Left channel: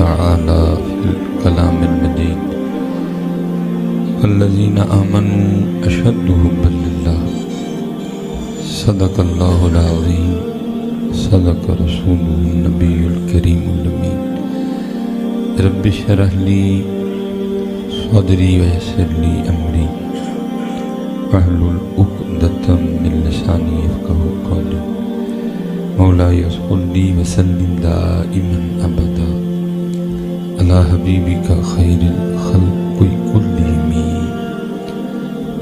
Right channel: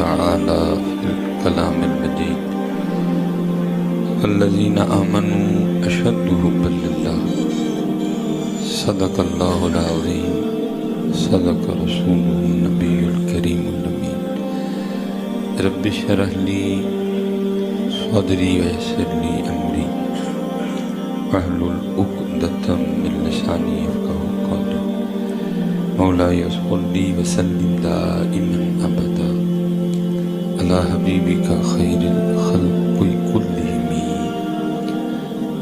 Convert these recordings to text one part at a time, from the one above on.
تعالى في الكلام المجيد الذين آمنوا أشد حبا لله صدق الله العظيم صدق رسوله النبي الكريم الأمين رب اشرح لي صدري ويسر لي أمري واحلل عقدة من لساني يفقهوا قولي مولاي صل وسلم دائما أبدا على حبيبك خير الخلق كلهم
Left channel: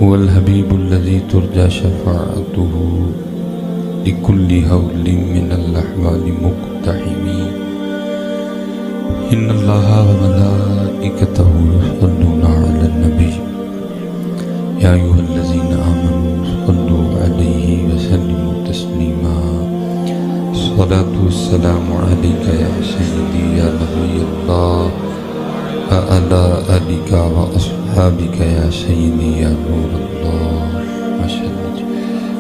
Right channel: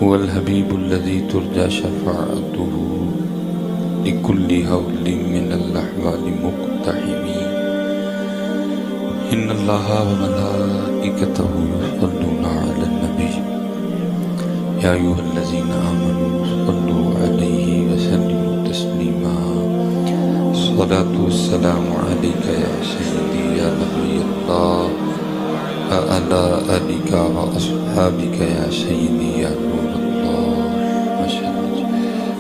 هو الحبيب الذي ترجى شفاعته لكل هول من الأحوال مقتحم إن الله وملائكته يصلون على النبي يا أيها الذين آمنوا صلوا عليه وسلموا تسليما الصلاة والسلام عليك يا سيدي يا نبي الله وعلى آلك وأصحابك يا سيدي يا نور اللہ ماشاءاللہ جی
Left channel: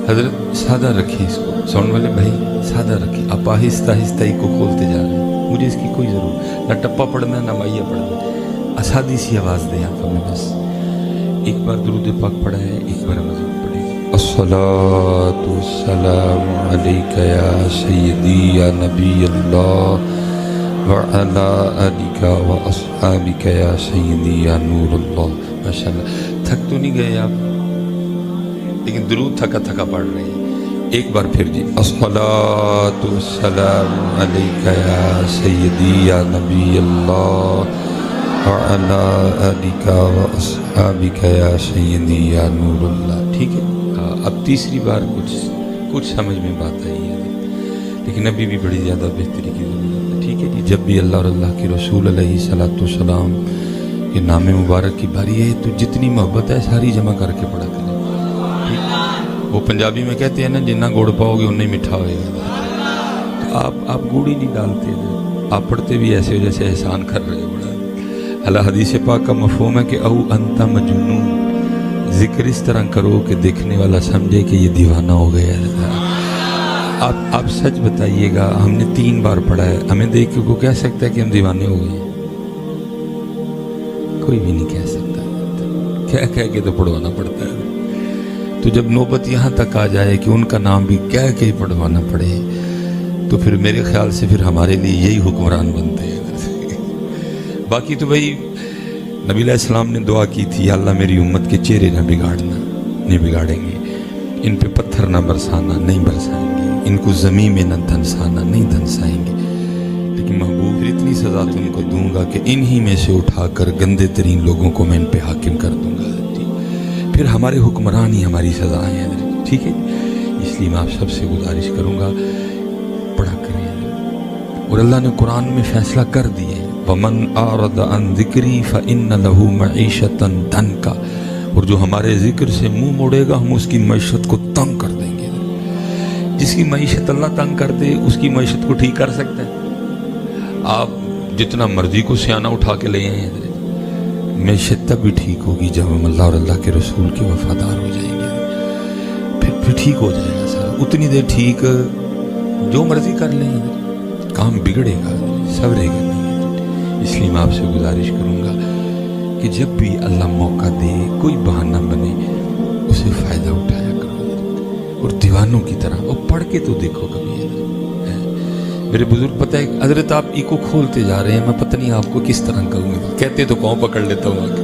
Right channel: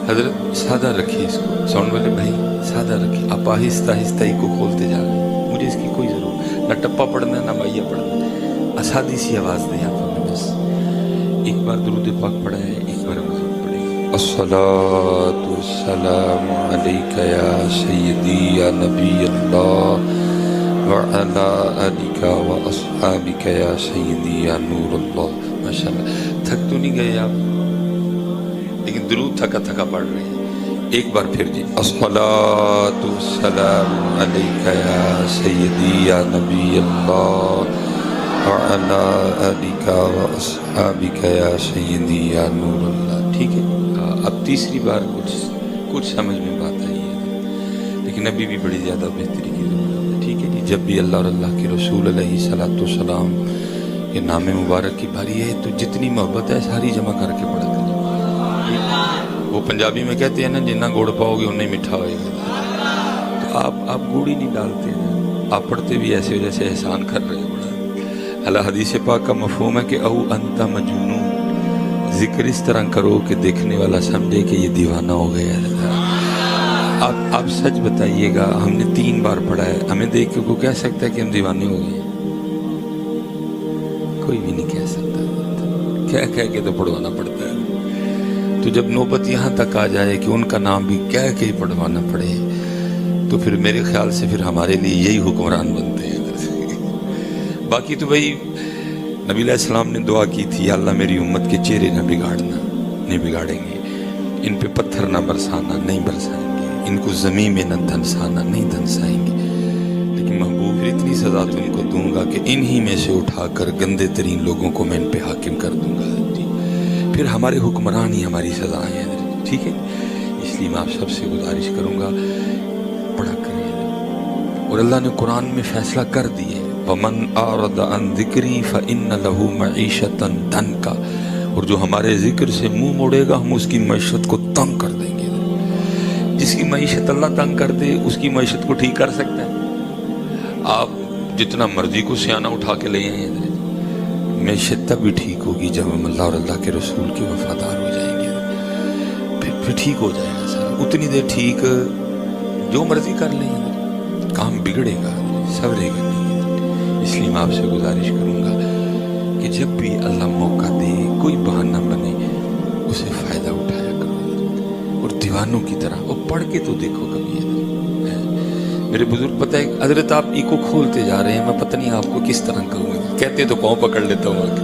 حضرت سادہ رکھیں اس کو ساؤنڈ والے بھائی سادہ رکھیں آپ آہستہ آہستہ ہی کو کھولتے جا رہے ہیں مجھے اس کی کوئی ضرورت نہ ٹپا پڑھنا نہ مائیا پڑھنا اسادی سی آواز دیں آپ ہمیں بس ایک بار درود پاک پڑھا ہے ایک بار مزید پڑھیں الصلاة والسلام علیک یا سیدی یا نبی اللہ وعلى آلك وأصحابك يا سيدي يا نور اللہ ماشاءاللہ تھک تو نہیں گئے آپ لیکن درود تھکا تھکا پڑھ رہے ہیں ایک بار پھر جی الصلاة والسلام علیک یا سیدی یا نبی اللہ وعلى آلك وأصحابك يا سيدي يا نور اللہ ٹھیک ہے اب تیسری بار کچھ سمجھ میں بات آئی ہے لیکن ابھی بھی بڑی زیادہ بہتری کی ضرورت ہے ٹھیک ہے جی جب بھی اللہ اور اللہ کے رسول علیہ السلام کے نام مبارک کی باری ہے تو جتنی محبت ہے ساری جمع کر کے پڑھا کریں وہ پنجابی میں کہتے ہیں نا جتنا گوڑ پاؤ گے اتنا ہی میٹھا ہوئے گا تو آپ گوڑ ہی نہیں ڈالتے نا آپ پڑھتے بھی ایسے جیسے احسان کر رہے ہو بڑا اللہ حدیث پاک کا مفہوم ہے کہ او انت مجنون ذکر اس طرح کرو کہ دیکھنے والا سمجھے کہ یہ دیوانہ ہو گیا ہے آپ سچ بتائیے گا ہم نے 3 بار پڑھا ہے ہمیں دیکھ کے کوئی کہہ سکتا ہے کہ ہم دیوانے ہو گئے ہیں کوئی بھی نہیں کہہ سکتا کہہ کے تو پڑھوانا پڑتا ہے تو جب نوبت یہاں تک آ جائے کہ ان کا نام بھی کہہ کے پڑھوانا پڑے تو پھر میرے خیال سے پھر ہمارے لیے یہی حکمران بنتے ہیں باقی تو بھائی نبی علیہ السلام نے دعا کی تھی یا اللہ میری امت کے چہرے نہ بگاڑنا نہیں بگاڑیں گے ان پہ پتھر نہ برسانا نہیں برسائیں گے ان کو زمین میں نہ دھنسانا نہیں دھنسائیں گے لیکن محبوب پھر اتنی سزا تم کو دوں گا کہ انہی میں سے اٹھا کر گندے ترین لوگوں کو میں ان پہ حاکم کر دوں گا جی پھر ہمارے حکمران ہی ہماری سزائیں ہیں ٹھیک ہے اس لیے میں آپ سب سے گزارش کروں گا پڑھا کریں اور اللہ نے قرآن میں فیصلہ کر دیے وَمَنْ أَعْرَضَ عَنْ ذِكْرِي فَإِنَّ لَهُ مَعِيشَةً ضَنْكَ اور جو ہمارے ذکر سے منہ موڑے گا ہم اس کی معیشت کو تنگ کر دیں گے جس کی معیشت اللہ تنگ کر دے اس کی معیشت کو ٹھیک کر سکتا ہے آپ جتنا مرضی کو سیانہ اٹھا کے لے آئیں معیشت تب بھی ٹھیک ہوگی جب ہم اللہ اور اللہ کے رسول کے وفادار ہو جائیں گے پھر ٹھیک ہو جائے گا سر اتنی دیر ٹھیک جو مرضی کر لیں کام بگڑے گا سورے گا نہیں اس لیے میں آپ سے گزارش کروں گا کہ جب بھی اللہ موقع دے کوئی بہانہ بنے اسے فائدہ اٹھایا کرو اور دیوانوں کی طرح وہ پڑھ کے تو دیکھو کبھی میرے بزرگ پتہ ہے حضرت آپ ایکو کھولتے جا رہے ہیں میں پتہ نہیں آپ کو کس طرح کہوں گا کہتے تو پاؤں پکڑ لیتا ہوں آگے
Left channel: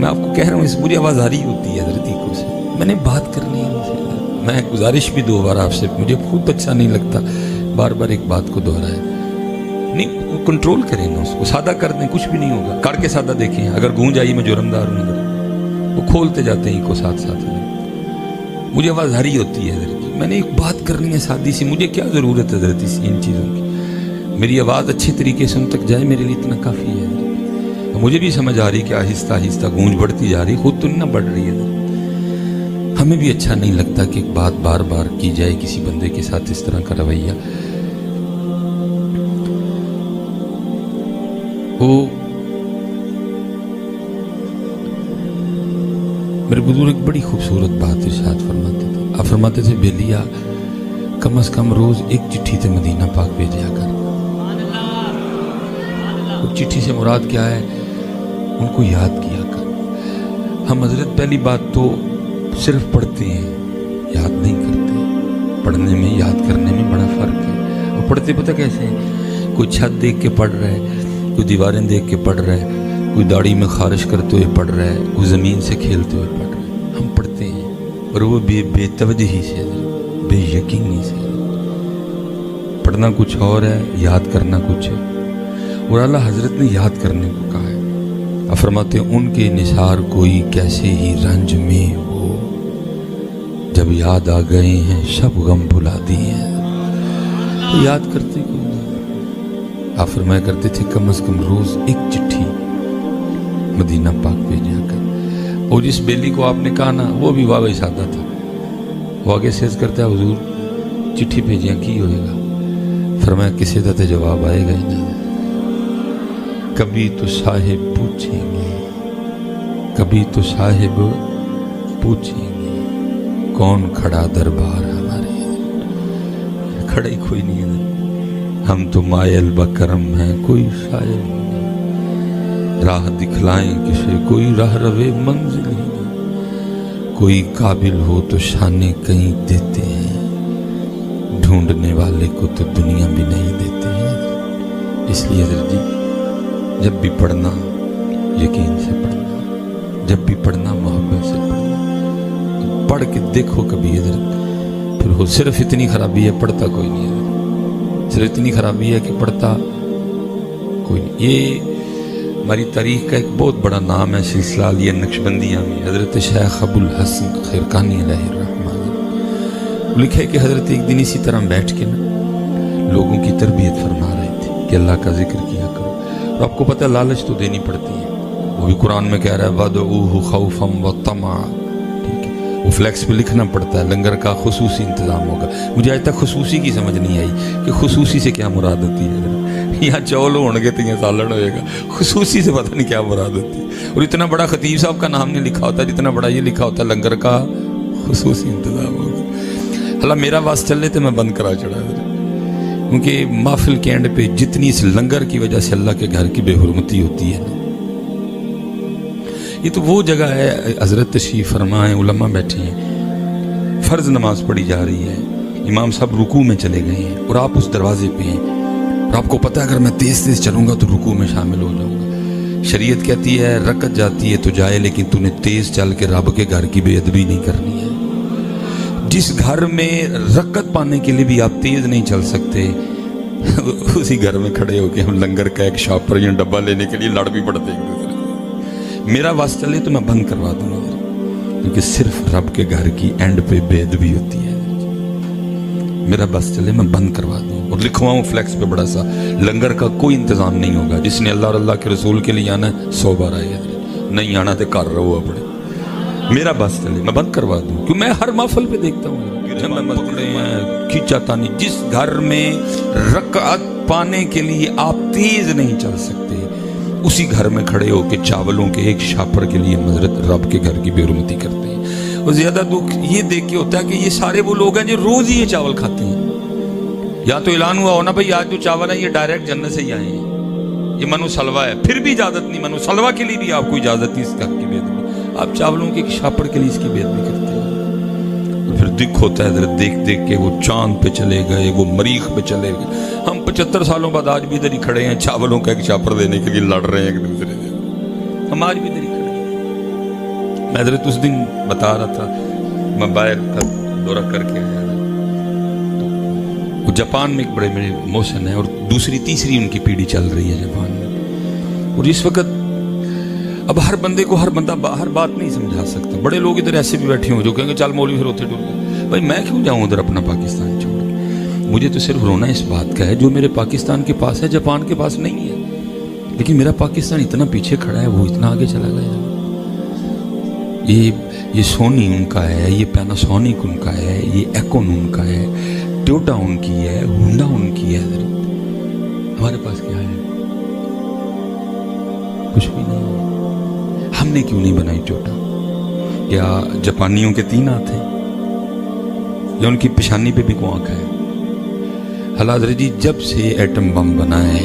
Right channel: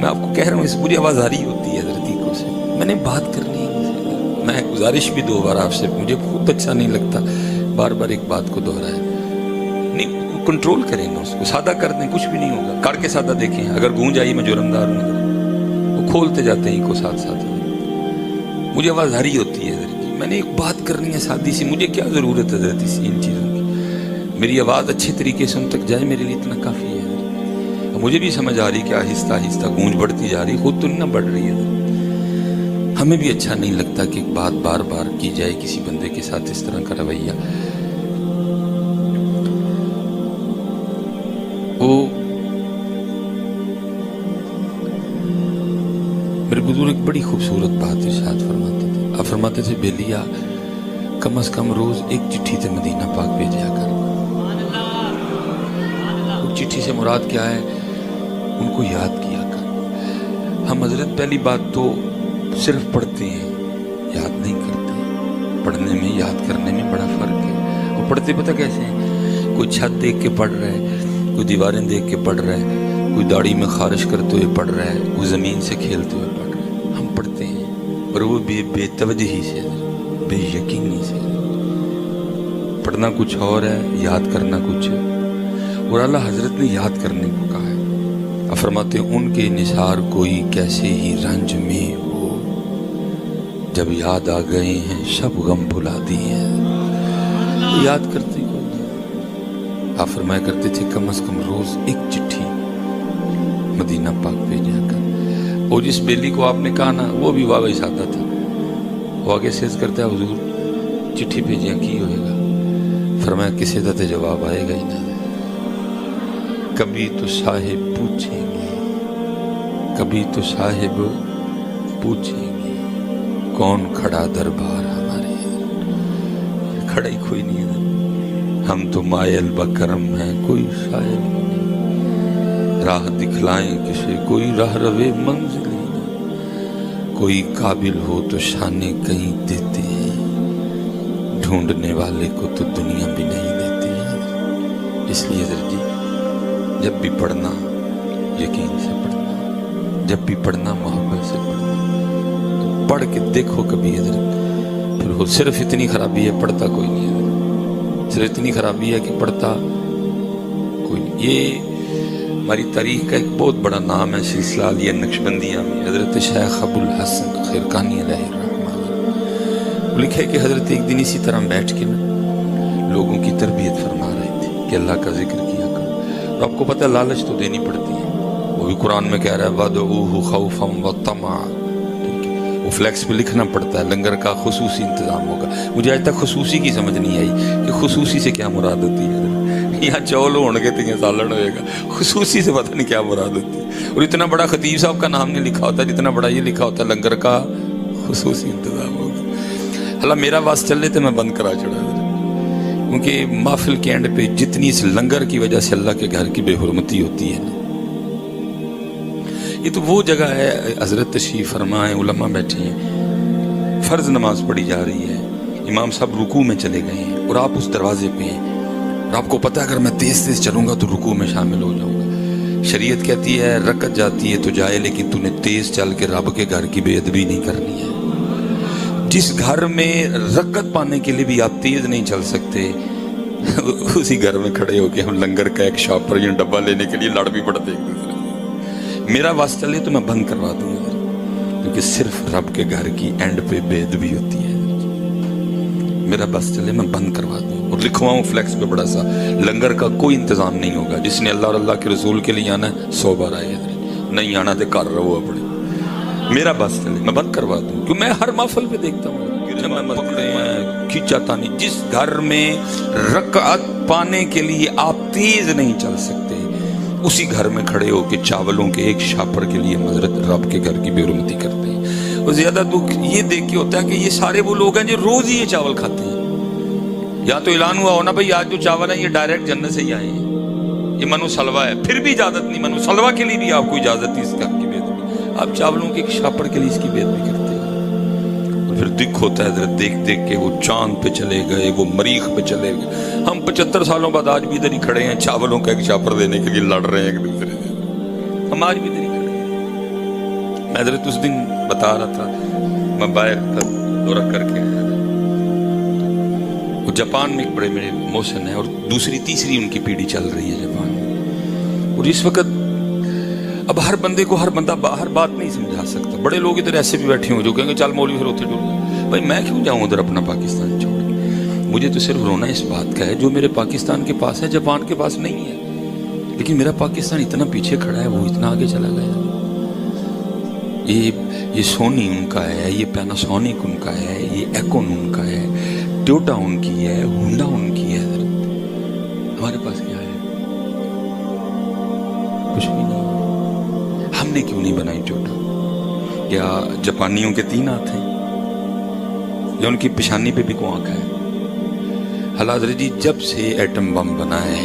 میں آپ کو کہہ رہا ہوں اس مجھے آواز آ رہی ہوتی ہے حضرت ایکو سے میں نے بات کرنی ہے میں گزارش بھی 2 بار آپ سے مجھے خود اچھا نہیں لگتا بار بار ایک بات کو دہرائے نہیں کنٹرول کریں نا اس کو سادہ کر دیں کچھ بھی نہیں ہوگا کر کے سادہ دیکھیں اگر گونج آئی میں جرمدار ہوں اگر وہ کھولتے جاتے ہیں کو ساتھ مجھے آواز آ رہی ہوتی ہے حضرت میں نے ایک بات کرنی ہے سادی سی مجھے کیا ضرورت ہے حضرت ان چیزوں کی میری آواز اچھے طریقے سے ان تک جائے میرے لیے اتنا کافی ہے مجھے بھی سمجھ آ رہی کہ آہستہ آہستہ گونج بڑھتی جا رہی خود تو نہیں نہ بڑھ رہی ہے ہمیں بھی اچھا نہیں لگتا کہ ایک بات بار بار کی جائے کسی بندے کے ساتھ اس طرح کا رویہ میرے بزرگ ایک بڑی خوبصورت بات ارشاد فرماتے تھے آپ فرماتے تھے بیلیا کم از کم روز 1 چٹھی تے مدینہ پاک بھیجیا کر چٹھی سے مراد کیا ہے؟ ان کو یاد کیا کر. ہم حضرت پہلی بات تو صرف پڑھتے ہیں، یاد نہیں کرتے. پڑھنے میں یاد کرنے میں بڑا فرق ہے. اور پڑھتے پتہ کیسے ہیں؟ کوئی چھت دیکھ کے پڑھ رہا ہے، کوئی دیواریں دیکھ کے پڑھ رہا ہے، کوئی داڑھی میں خارش کرتے ہوئے پڑھ رہا ہے، کوئی زمین سے کھیلتے ہوئے پڑھ رہا ہے. ہم پڑھتے ہیں اور وہ بے توجہی سے، بے یقینی سے. پڑھنا کچھ اور ہے، یاد کرنا کچھ ہے. اور اللہ حضرت نے یاد کرنے کو کہا ہے. فرماتے ہیں ان کے نثار کوئی کیسے ہی رنج میں ہو، جب یاد آ گئے ہیں سب غم بھلا دیے ہیں. تو یاد کرتے کون ہیں؟ آپ فرمایا کرتے تھے کم از کم روز ایک چٹھی مدینہ پاک بھیجا کر. اور جس بیلی کو آپ نے کہا نا وہ بھی واقعی سادہ تھا. وہ آگے سیز کرتا ہے حضور چٹھی بھیجیاں کی ہوئے گا. فرمایا کسی دا تے جواب آئے گا ہی نہ. کبھی تو صاحب پوچھیں گے، کبھی تو صاحب پوچھیں گے کون کھڑا دربار ہمارے. کھڑا ہی کوئی نہیں ہے. ہم تو مائل بکرم ہیں، کوئی شاعر نہیں. راہ دکھلائیں کسے، کوئی راہ روے منزل ہی نہیں. کوئی قابل ہو تو شانے کہیں دیتے ہیں، ڈھونڈنے والے کو تو دنیا بھی نہیں دیتے ہیں. اس لیے حضرت جی جب بھی پڑھنا یقین سے پڑھنا، جب بھی پڑھنا محبت سے پڑھنا. پڑھ کے دیکھو کبھی حضرت، پھر ہو صرف اتنی خرابی ہے پڑھتا کوئی نہیں حضرت. صرف اتنی خرابی ہے کہ پڑھتا کوئی نہیں. یہ ہماری تاریخ کا ایک بہت بڑا نام ہے سلسلہ علیہ نقشبندیہ میں. حضرت شیخ ابو الحسن خرقانی علیہ الرحمہ لکھے کہ حضرت ایک دن اسی طرح بیٹھ کے نا لوگوں کی تربیت فرما رہے تھے کہ اللہ کا ذکر کیا کرو. اور آپ کو پتہ ہے لالچ تو دینی پڑتی ہے. وہ بھی قرآن میں کہہ رہا ہے وَدْعُوهُ خَوْفًا وَطَمَعًا. ٹھیک ہے، وہ فلیکس پہ لکھنا پڑتا ہے لنگر کا خصوصی انتظام ہوگا. مجھے آج تک خصوصی کی سمجھ نہیں آئی کہ خصوصی سے کیا مراد ہوتی ہے. یہاں چول ہونگے تو یہاں سالن ہوئے گا، خصوصی سے پتہ نہیں کیا مراد ہوتی ہے. اور اتنا بڑا خطیب صاحب کا نام نہیں لکھا ہوتا جتنا بڑا یہ لکھا ہوتا ہے لنگر کا خصوصی انتظام ہوگا. اللہ میرا واس چل رہے تھے میں بند کرا چڑھا کیونکہ محفل کے اینڈ پہ جتنی اس لنگر کی وجہ سے اللہ کے گھر کی بے حرمتی ہوتی ہے نا. یہ تو وہ جگہ ہے حضرت تشریف فرما ہے، علماء بیٹھے ہیں، فرض نماز پڑھی جا رہی ہے، امام صاحب رکوع میں چلے گئے ہیں اور آپ اس دروازے پہ ہیں. اور آپ کو پتہ ہے اگر میں تیز تیز چلوں گا تو رکوع میں شامل ہو جاؤں گا. شریعت کہتی ہے رکعت جاتی ہے تو جائے، لیکن تو نے تیز چل کے رب کے گھر کی بے ادبی نہیں کرنی ہے. جس گھر میں رکعت پانے کے لیے بھی آپ تیز نہیں چل سکتے، اسی گھر میں کھڑے ہو کے ہم لنگر کا ایک شاپر یا ڈبہ لینے کے لیے لڑ بھی پڑتے ایک دوسرے سے. میرا واسطہ چلے تو میں بند کروا دوں گا کیونکہ صرف رب کے گھر کی اینڈ پہ بے ادبی ہوتی ہے. میرا بس چلے میں بند کروا دوں اور لکھواؤں فلیکس پہ بڑا سا لنگر کا کوئی انتظام نہیں ہوگا. جس نے اللہ اور اللہ کے رسول کے لیے آنا ہے 100 بار آئے، نہیں آنا تو کر رہو اپنے. میرا بس چلے میں بند کروا دوں کیوں میں ہر محفل پہ دیکھتا ہوں پکڑے ہیں کھینچا تانی. جس گھر میں رکعت پانے کے لیے آپ تیز نہیں چل سکتے، اسی گھر میں کھڑے ہو کے چاولوں کے ایک شاپر کے لیے حضرت رب کے گھر کی بے حرمتی کرتے ہیں. اور زیادہ دکھ یہ دیکھ کے ہوتا ہے کہ یہ سارے وہ لوگ ہیں جو روز ہی یہ چاول کھاتے ہیں. یا تو اعلان ہوا ہونا بھائی آج جو چاول ہے یہ ڈائریکٹ جنت سے ہی آئے ہیں، یہ منو سلوا ہے، پھر بھی اجازت نہیں. منو سلوا کے لیے بھی آپ کو اجازت نہیں اس گھر کی بے ادبی. آپ چاولوں کے ایک شاپر کے لیے اس کی بے ادبی کرتے ہیں. اور پھر دکھ ہوتا ہے حضرت دیکھ دیکھ کے وہ چاند پہ چلے گئے، وہ مریخ پہ چلے گئے. ہم 75 سالوں بعد آج بھی ادھر ہی کھڑے ہیں چاولوں کا ایک شاپر دینے کے لیے لڑ رہے ہیں ایک دوسرے سے. ہم آج بھی ادھر ہی کھڑے ہیں. میں حضرت اس دن بتا رہا تھا میں باہر کا دورہ کر کے آیا تھا. وہ جاپان میں ایک بڑے میرے موسن ہے اور دوسری تیسری ان کی پیڑھی چل رہی ہے جاپان میں. اور اس وقت اب ہر بندے کو ہر بندہ ہر بات نہیں سمجھا سکتا. بڑے لوگ ادھر ایسے بھی بیٹھے ہوں جو کہیں گے چل مولوی پھر ہوتے ڈر گئے. بھائی میں کیوں جاؤں ادھر اپنا پاکستان چھوڑ کے؟ مجھے تو صرف رونا اس بات کا ہے جو میرے پاکستان کے پاس ہے جاپان کے پاس نہیں ہے. لیکن میرا پاکستان اتنا پیچھے کھڑا ہے، وہ اتنا آگے چلا گیا. یہ سونی ان کا ہے، یہ پیناسونک ان کا ہے، یہ ایکون ان کا ہے، ٹویوٹا ان کی ہے، ہونڈا ان کی ہے. ہمارے پاس کیا ہے؟ کچھ بھی نہیں. ہم نے کیوں نہیں بنائی ٹویوٹا؟ کیا جاپانیوں کے 3 ہاتھ ہیں یا ان کی پیشانی پہ بھی کوئی آنکھ ہے؟ حضرت جی جب سے ایٹم بم بنا ہے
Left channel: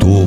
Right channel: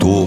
2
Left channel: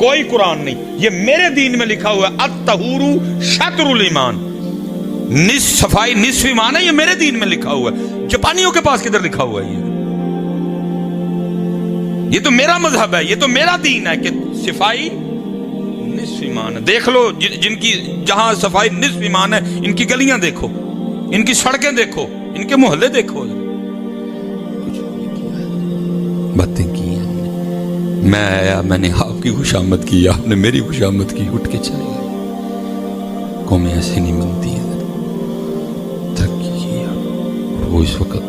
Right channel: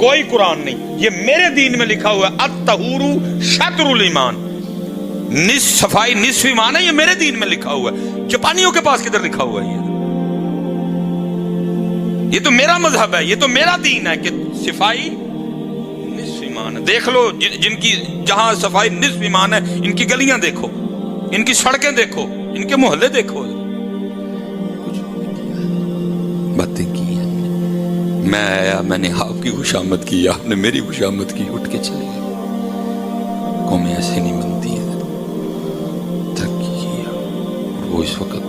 کوئی قرآن نہیں، یہ میرے دین میں لکھا ہوا ہے الطہور شطر الایمان، صفائی نصف ایمان ہے، یہ میرے دین میں لکھا ہوا ہے۔ جاپانیوں کے پاس کدھر لکھا ہوا ہے؟ یہ تو میرا مذہب ہے، یہ تو میرا دین ہے کہ صفائی نصف ایمان ہے۔ دیکھ لو جن کی جہاں صفائی نصف ایمان ہے، ان کی گلیاں دیکھو، ان کی سڑکیں دیکھو، ان کے محلے دیکھو۔ کچھ باتیں کی ہیں، میں آیا، میں نے آپ کی خوشامد کی، آپ نے میری خوشامد کی، اٹھ کے چلے گئے۔ قومیں ایسے نہیں بنتی ہیں، ترقی کیا وہ اس وقت،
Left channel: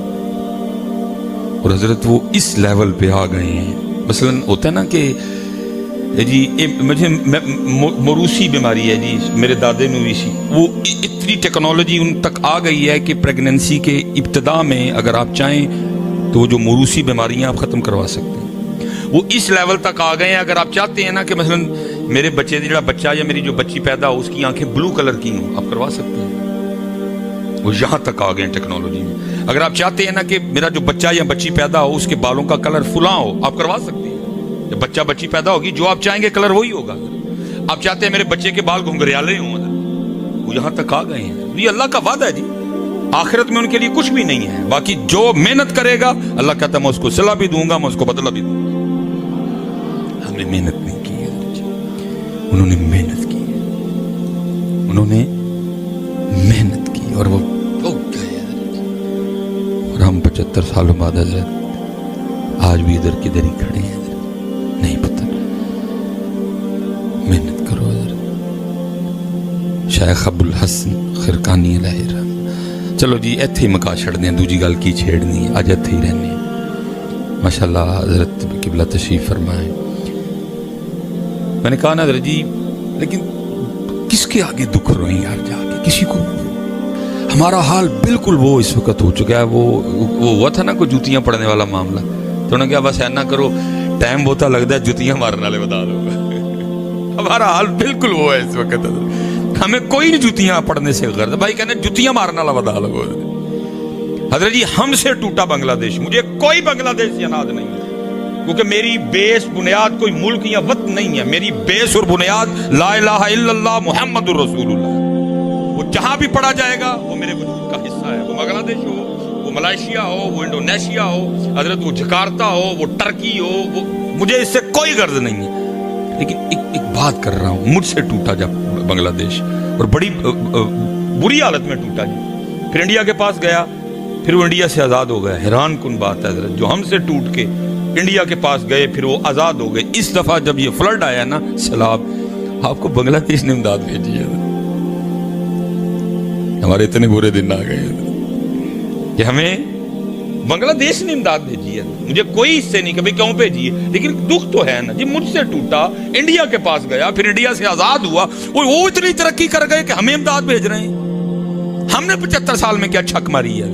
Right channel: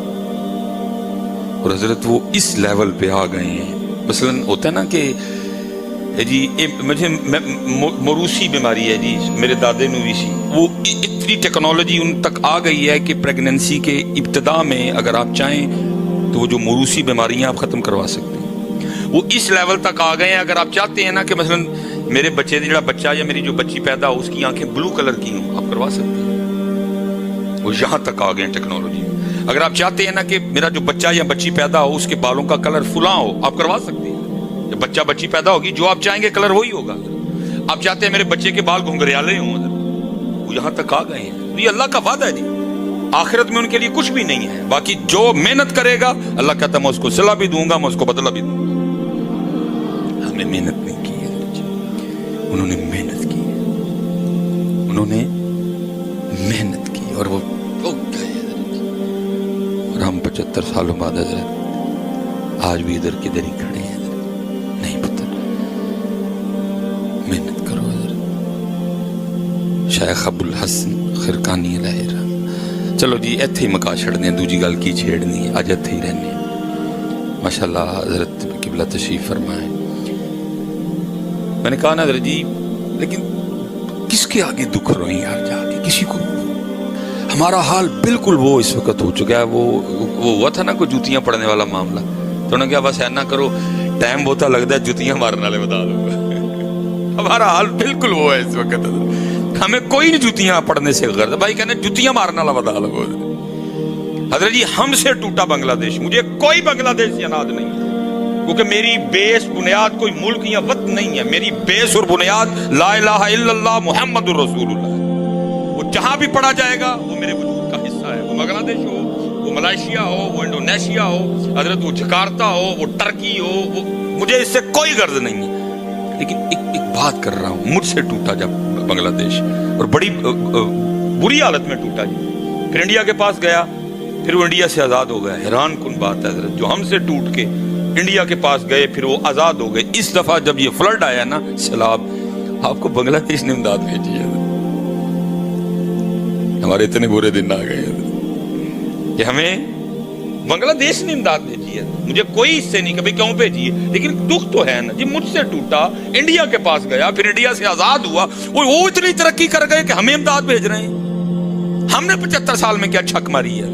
اور حضرت وہ اس لیول پہ آ گئے ہیں۔ مثلا ہوتا ہے نا کہ جی مجھے موروثی بیماری ہے جی، میرے دادے نو بھی سی، وہ اتنی ٹیکنالوجی ان تک آ گئی ہے کہ پریگننسی کے ابتدا میں اگر آپ چاہیں تو وہ جو موروثی بیماریاں آپ ختم کروا سکتے ہیں، وہ اس لیول تک آ گئے ہیں۔ اگر آپ چاہتے ہیں نا کہ مثلا میرے بچے جڑا بچہ یا میری جو بچی پیدا ہو اس کی آنکھیں بلو کلر کی ہوں، آپ کروا سکتے ہیں، وہ یہاں تک آ گئے ہیں ٹیکنالوجی میں۔ اگر آپ چاہتے ہیں نا کہ میرا جو بچہ یا بچی پیدا ہو اس کے بالوں کا کلر فلاں ہو، آپ کروا سکتے ہیں۔ جب بچہ بچی پیدا ہوگی جو آپ چاہیں گے کلر وہی ہوگا۔ آپ چاہتے ہیں میرے بچے کے بال گھنگریالے ہوں، وہ یہاں تک آ گئے ہیں۔ یہ اللہ کا وعدہ ہے جی، آخرت میں ان کے لیے کچھ بھی نہیں ہے، باقی جو محنت کرے گا اللہ کہتا ہے میں اس کو صلہ بھی دوں گا، میں اس کو بدلہ بھی دوں گا۔ ہم نے محنت نہیں کی ہے جی، انہوں نے محنت کی ہے، انہوں نے محنت کی اور وہ گئے حضرت، اور ہم 75 سالوں بعد حضرت آج بھی ادھر کدھر ہی کھڑے ہیں حضرت، نہیں پتہ۔ محنت کرو حضرت۔ شیخ ابو الحسن خرقانی علیہ الرحمہ، چلو جی ایتھے ہی مکا چھڑنے ہیں، دوجی گل کی چھیڑنی ہے، آج ایتھے ہی رہنے ہیں۔ ماشاءاللہ حضرت قبلہ تشریف فرمائے۔ میں نے کہا نا حضرت جی لیکن کس کے آگے دکھ روئیں یار جا کے، کسی کو ہمارا حال بالکل وہ اس وقت ہو چکا ہے، وہ ہوا تھا نا کوئی جوتیاں پڑنے والا معاملہ، تو انہوں نے کہا بس اینا کرو ٹائم بہتا لگتا ہے جوتیاں مارنے والے بتا دو۔ ہمارا حال بالکل وہ ہے اس وقت، ہمیں کوئی نہیں جوتیاں پڑھنے سے غرض، بھائی کہنے جوتیاں مارنے والا بتا دو۔ حضرت جی ہم سے ٹوٹا بنگلہ دیش، مجھے کوئی بنگلہ دیش سے اناج نہیں ہے، کیونکہ میری بیس بنیاد کوئی ملک یا وطن نہیں ہے، میری بیس اور بنیاد لا الہ الا اللہ محمد الرسول اللہ ہے۔ وہ جہاں بھی پڑھا جائے گا وہ میرے وجود کا حصہ ہے، وہ بنگلہ دیش ہو، وہ ملائیشیا ہو، وہ انڈونیشیا ہو حضرت، وہ جکارتا ہو، وہ ٹرکی ہو، وہ مجھے اس سے کوئی غرض نہیں ہے، لیکن ایک بات کر رہا ہوں، مجھ سے ٹوٹا جب بنگلہ دیش، اور بڑی بری حالت میں ٹوٹا جی، پھر انڈیا کے پاس گیا، پھر وہ انڈیا سے آزاد ہو گیا۔ حیران کن بات ہے حضرت، جو ہم سے ٹوٹ کے انڈیا کے پاس گئے پھر وہ آزاد ہو گئے۔ اس دفعہ جب یہ فلڈ آیا نا سیلاب، آپ کو بنگلہ دیش نے امداد بھیجی ہے، ہمارے اتنے برے دن آ گئے کہ ہمیں بنگلہ دیش نے امداد بھیجی ہے، مجھے کوئی اس سے نہیں کہ بھئی کیوں بھیجی ہے، لیکن دکھ تو ہے نا جی، مجھ سے ٹوٹا، انڈیا کے پاس گیا، پھر انڈیا سے آزاد ہوا، وہ اتنی ترقی کر گئے کہ ہمیں امداد بھیج رہے ہیں۔ ہم نے 75 سال میں کیا چھک ماری ہے؟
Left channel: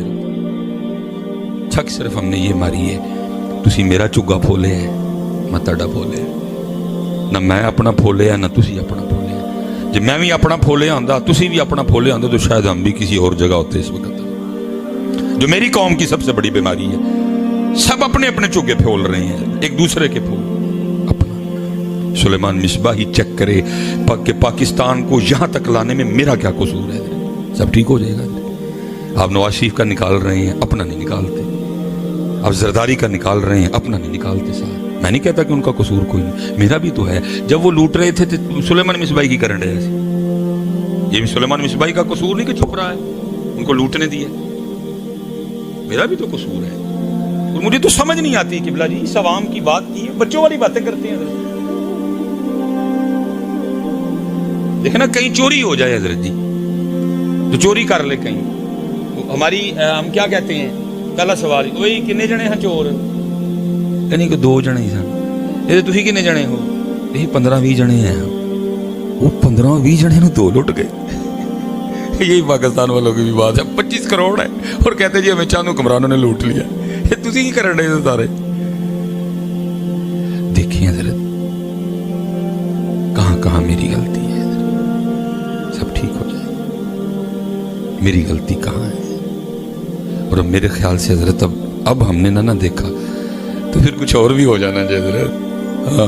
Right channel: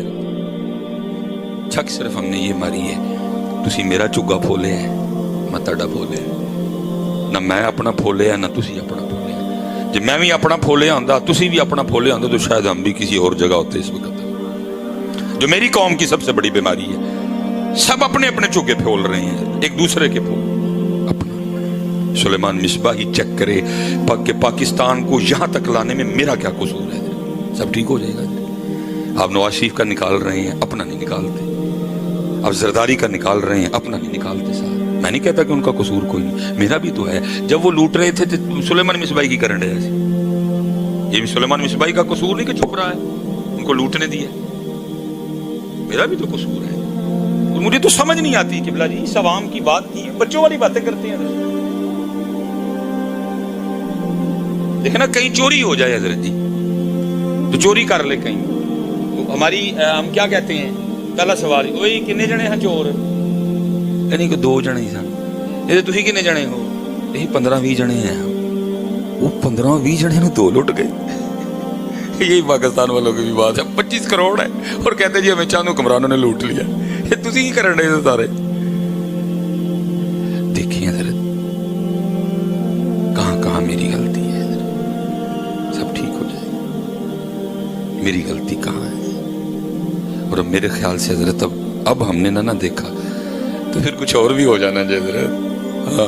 چھک صرف ہم نے یہ ماری ہے تسی میرا چگا پھولے ہے، میں تڑا پھولے ہے، نہ میں اپنا پھولے ہے نہ تسی اپنا پھولے ہے۔ جب میں بھی اپنا پھولے آندا، تسی بھی اپنا پھولے آندا، تو شاید ہم بھی کسی اور جگہ ہوتے اس وقت۔ جو میری قوم کی سب سے بڑی بیماری ہے، سب اپنے اپنے چگے پھول رہے ہیں، ایک دوسرے کے پھول اپنا۔ سلیمان مصباحی چیک کرے کہ پاکستان کو یہاں تک لانے میں میرا کیا قصور ہے، سب ٹھیک ہو جائے گا۔ آپ نواز شریف کا نکال رہے ہیں، اپنا نہیں نکالتے، آپ زرداری کا نکال رہے ہیں، اپنا نہیں نکالتے ساتھ۔ میں نہیں کہتا کہ ان کا قصور کوئی نہیں، میرا بھی تو ہے۔ جب وہ لوٹ رہے تھے تو سلیمان مصباحی کی کرن رہے ایسے، یہ بھی سلیمان مصباحی کا قصور نہیں کہ چھپ رہا ہے، ان کو لوٹنے دیا، میرا بھی تو قصور ہے۔ اور مجھے تو سمجھ نہیں آتی کہ بلا جی اس عوام کی بات کی ہے، بچوں والی باتیں کرتے ہیں حضرت۔ دیکھنا کہیں چوری ہو جائے حضرت جی، تو چوری کر لے کہیں، تو ہماری ہم کیا کہتے ہیں، پہلا سوال وہی کنے جنے ہیں چور، یعنی کہ 2 جنے ہی سن، یہ تسی کنے جنے ہو، یہی 15-20 جنے ہیں، وہ 15-20 جنے نے 2 لٹ گئے۔ یہی پاکستان والوں کی بھی بات ہے، 25 کروڑ ہے اور کہتے جی ہمیں چاند حکمرانوں نے لوٹ لیا، یہ تسی کی کر رہے ہیں سارے۔ دیکھیں حضرت کہاں کہاں میری غلطی ہے حضرت، سب ٹھیک ہو جائے گا، میری غلطی کہاں ہے؟ اور اب میرے خیال سے حضرت اب ہم نے نہ دیکھا تو پھر کچھ اور بھی ہو جانا جی حضرت۔ ہاں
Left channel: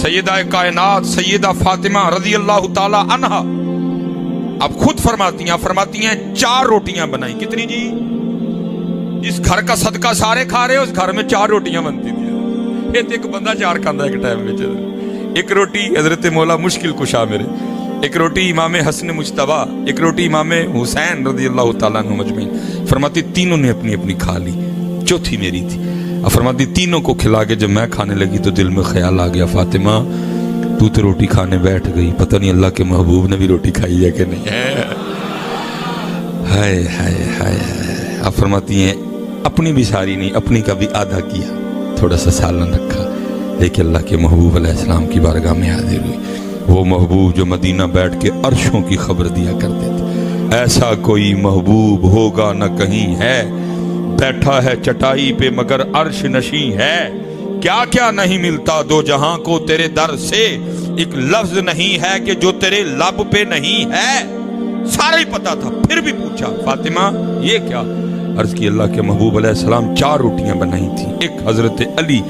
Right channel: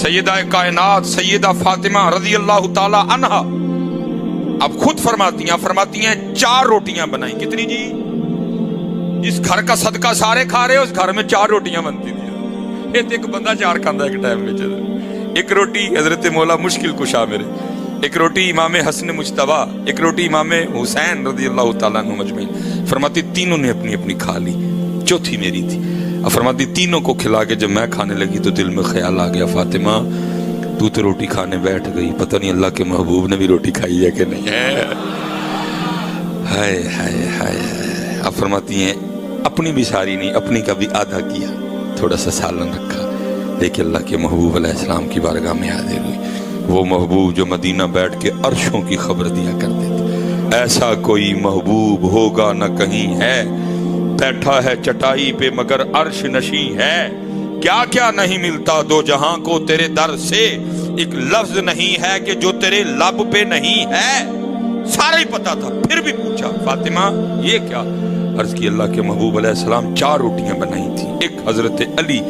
سیدہ کائنات سیدہ فاطمہ رضی اللہ تعالی عنہا اب خود فرماتی ہیں 4 روٹیاں بنائی. کتنی جی؟ جس گھر کا صدقہ سارے کھا رہے اس گھر میں 4 روٹیاں بنتی تھی. ایک بندہ 4 کھانا ایک ٹائم میں. ایک روٹی حضرت مولا مشکل کشا میرے، ایک روٹی امام حسن مجتبیٰ، ایک روٹی امام حسین رضی اللہ تعالیٰ عنہ مجمعین. فرماتی تینوں نے اپنی اپنی کھا لی، چوتھی میری تھی. اب فرماتی تینوں کو کھلا کے جب میں کھانے لگی تو دل میں خیال آ گیا فاطمہ تو روٹی کھانے بیٹھ گئی، پتہ نہیں اللہ کے محبوب نے بھی روٹی کھائی ہے کہ نہیں ہے. ہائے ہائے ہائے. اب فرماتی ہیں اپنی بھی ساری نہیں، اپنی کا بھی آدھا کیا، تھوڑا سا سالن رکھا، لیکن اللہ کے محبوب علیہ السلام کی بارگاہ میں حاضر ہوئی. وہ محبوب جو مدینہ بیٹھ کے عرشوں کی خبر دیا کرتے تھے. ایسا کوئی محبوب ہوگا نہ کہیں ہے، بیٹھا ہے چٹائی پہ مگر عرش نشیں ہے. کیا کیا نہیں ملتا دو جہاں کو تیرے در سے، ایک لفظ نہیں ہے کہ جو تیرے لب پہ نہیں ہے. سارا ہی پتا تھا، پھر بھی پوچھا فاطمہ یہ کیا؟ عرض کی اللہ کے محبوب علیہ السلام 4 روٹیاں بنائی تھی، ایک حضرت علی،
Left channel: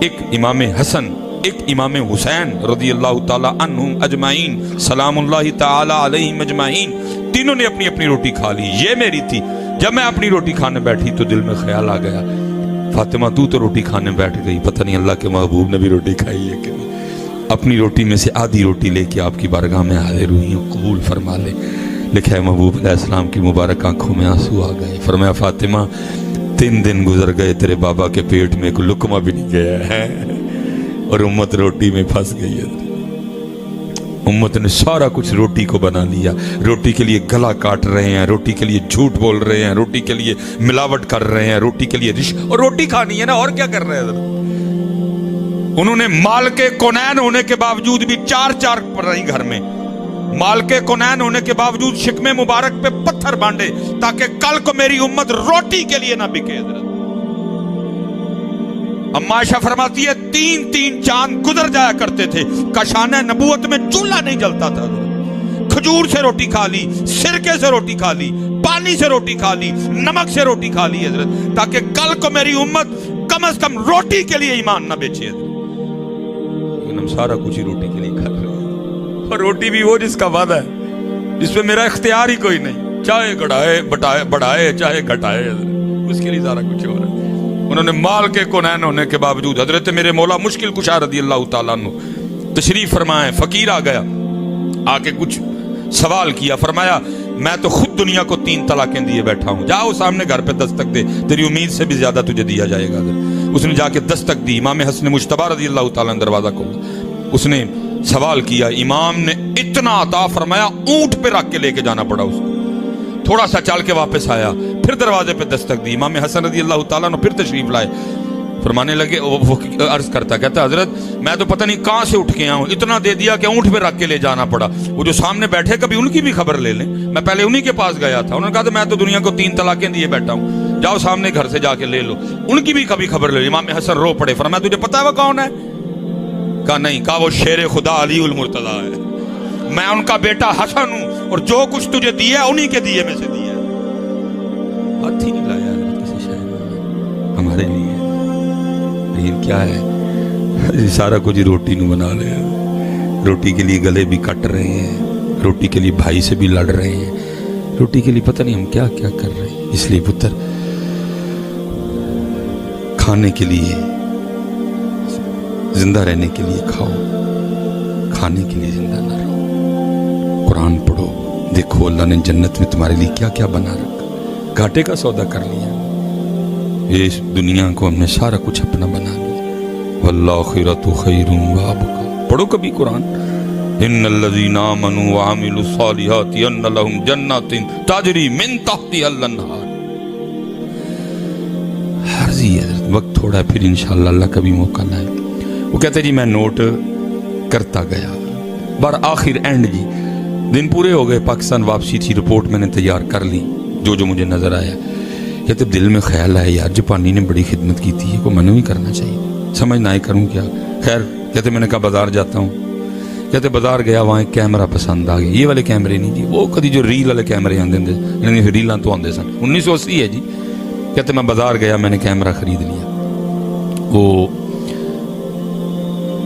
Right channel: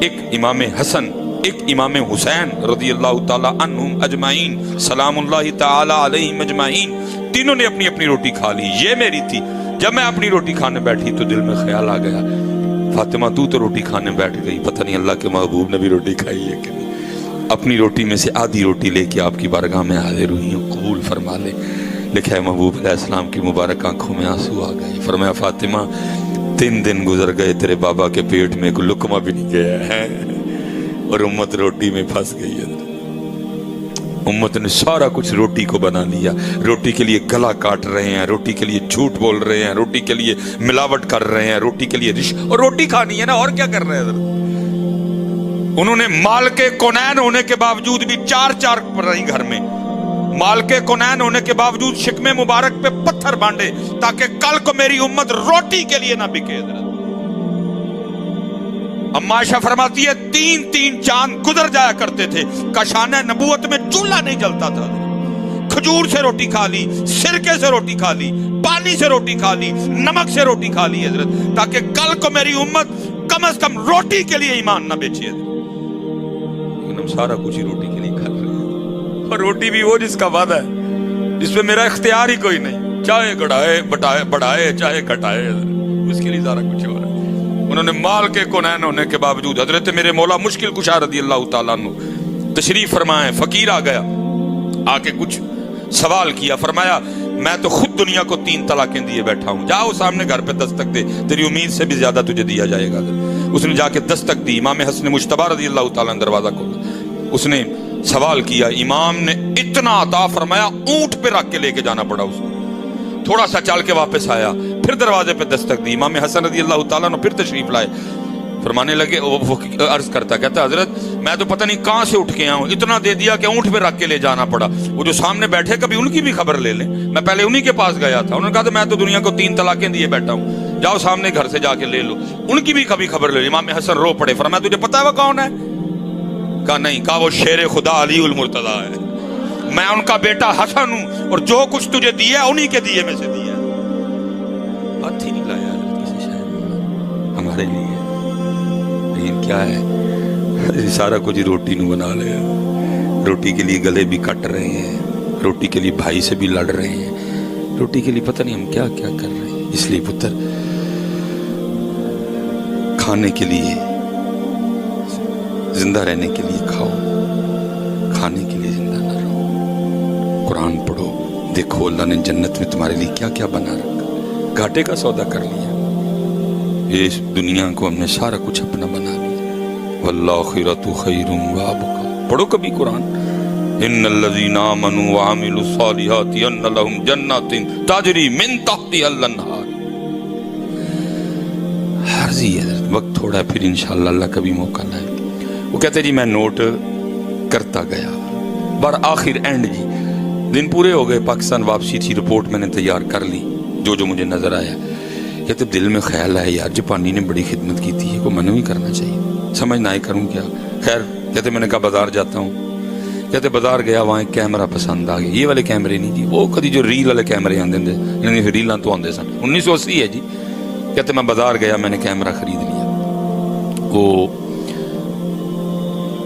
ایک امام حسن، ایک امام حسین رضی اللہ تعالی عنہم اجمعین سلام اللہ تعالی علیہم اجمعین. تینوں نے اپنی اپنی روٹی کھا لی، یہ میری تھی. جب میں اپنی روٹی کھانے بیٹھی تو دل میں خیال آ گیا فاطمہ تو روٹی کھانے بیٹھ گئی، پتہ نہیں اللہ کے محبوب نے بھی روٹی کھائی ہے کہ نہیں. اپنی روٹی میں سے آدھی روٹی لے کے آپ کی بارگاہ میں حاضر ہوئی ہوں، قبول فرما لے. لکھا ہے محبوب علیہ السلام کی مبارک آنکھوں میں آنسو آ گئے. فرمایا فاطمہ 3 دن گزر گئے تیرے بابا کے پیٹ میں کوئی لقمہ بھی نہیں گیا ہے اور امت روٹی میں پھنس گئی ہے. امت نے سارا کچھ روٹی کو بنا لیا، روٹی کے لیے گلا کاٹ رہے ہیں، روٹی کے لیے جھوٹ بول رہے ہیں، روٹی کے لیے ملاوٹ کر رہے ہیں، روٹی کے لیے اور روٹی کھانی ہے نا، اور کیا کر رہے ہیں. انہوں نے مال کے کونین ہونے کے باوجود بھی 4 پر رہی گھر میں، مال کے کونین ہونے کے باوجود شکم مبارک پہ پتھر بانڈے تاکہ کل کو میری امت روٹی کے لیے نہ بکے. اما عائشہ فرماتی ہے 3 چاند گزر جایا کرتے تھے، کاشانہ نبوت میں چولہا نہیں جلتا تھا. کھجور سے روٹی کھا لی، سرکے سے روٹی کھا لی، پانی سے روٹی کھا لی، نمک سے روٹی کھا لی حضرت، تاکہ کل کو میری امت کم از کم روٹی کے لیے ایمان نہ بیچے. لیکن ہم سارا کچھ ہی روٹی کے لیے کھا رہے ہیں، اور روٹی بھی وہ جس کا وعدہ ہے، جس پہ میرا اختیار ہی کوئی نہیں، چاہے بڑھائے چاہے گھٹائے، اس کے لیے سارا کچھ ہو رہا ہے. انہوں نے مال کے کونین ہونے کے باوجود حضرت میرے مولا مشکل کشا رضی اللہ تعالیٰ عنہ تشریف فرمائے. فقیر آ گیا، آ کے کچھ سوال کیا. فرمایا میں تو خود دنیا کو 3 طلاقیں دیے بیٹھا ہوں، جاؤ سامنے گھر پہ دستک دے، تیری امید سے بھی زیادہ تجھے دیا جائے گا. اس نے جا کے دستک دی، امام حسن مجتبیٰ رضی اللہ تعالیٰ عنہ دروازہ کھولا. اس نے سوال کیا، امام نے اتنا عطا فرمایا اونٹ پہ رکھ کے لے کے جانا پڑا اس کو. تھوڑا سا چل کے واپس آیا، پھر دروازے پہ دستک دی. امام حسن رضی اللہ تعالیٰ نے پھر تشریف لائے. فرمانے لگے، وہ عرض کرتا کہتا حضرت میں تو پتہ نہیں کہاں سے اٹھ کے آیا ہوں، اتنا دے دیا کہ اونٹ پہ رکھ کے لے جانا پڑا. وہ جو سامنے بیٹھے کبھی ان کی بھی خبر لے لیں، میں پہلے انہی کے پاس گیا تھا. انہوں نے کہا تھا میں تو دنیا کو 3 طلاقیں دیے بیٹھا ہوں، جاؤ سامنے گھر سے جا کے لے لو، ان کی بھی کبھی خبر لے لو. امام حسن رو پڑے. فرمایا تجھے پتا ہے وہ کون ہے؟ کہا نہیں. کہا وہ شیر خدا علی المرتضیٰ ہے، میں ان کا بیٹا حسن ہوں، اور جو کچھ تجھے دیا انہی کے دیے میں سے دیا. ہاتھ ہی نہیں لایا حضرت کسی شاید ہمارے لیے، لیکن کیا ہے سارا کچھ روٹی نو بنا لیا. روٹی کے لیے گلے بھی کٹ رہے ہیں، روٹی کے لیے بھائی سے بھی لڑ رہے ہیں، روٹی کے لیے پتہ نہیں ہم کیا کیا کر رہے ہیں. اس لیے پتر کھانے کے لیے، زندہ رہنے کے لیے کھاؤ، کھانے کے لیے زندہ نہ رہو. قرآن پڑھو، دیکھو اللہ نے جنت میں تمہارے لیے کیا کیا بنا رکھا. گھاٹے کا سودا کر لیا، اس دنیا کو ہم نے سارا کچھ اپنا بنا لیا. والآخرۃ خیر وابقیٰ. پڑھو کبھی قرآن. ان الذین آمنوا وعملوا الصالحات ان لهم جنات تجری من تحتها الانہار. عرضی حضرت وقت تھوڑا ہے، پھر انشاءاللہ اللہ کبھی موقع لائے. وہ کہتے جی میں نوٹ کرتا گیا، آخر اینڈ جی دن پورے ہو گئے، پاکستان واپسی تھی، رپورٹ میں نے تیار کر لی جو مجھے نظر آیا. کہتے دل میں خیال آیا یار جاپانی نے بڑی خدمت کی تھی، کو منع ہی کرنا چاہیے، سمجھ نہ آئے کروں کیا. خیر کہتے میں نے کہا بازار جاتا ہوں. کہتے بازار گیا، وہاں ایک کیمرہ پسند آ گیا. یہ والے کیمرے نہیں جی، وہ کدی جو ریل والے کیمرے آندے یعنی ریلاں تو آندے سن، 1980 ہے جی. کہتے میں بازار گیا, میں نے کیمرہ خرید لیا. وہ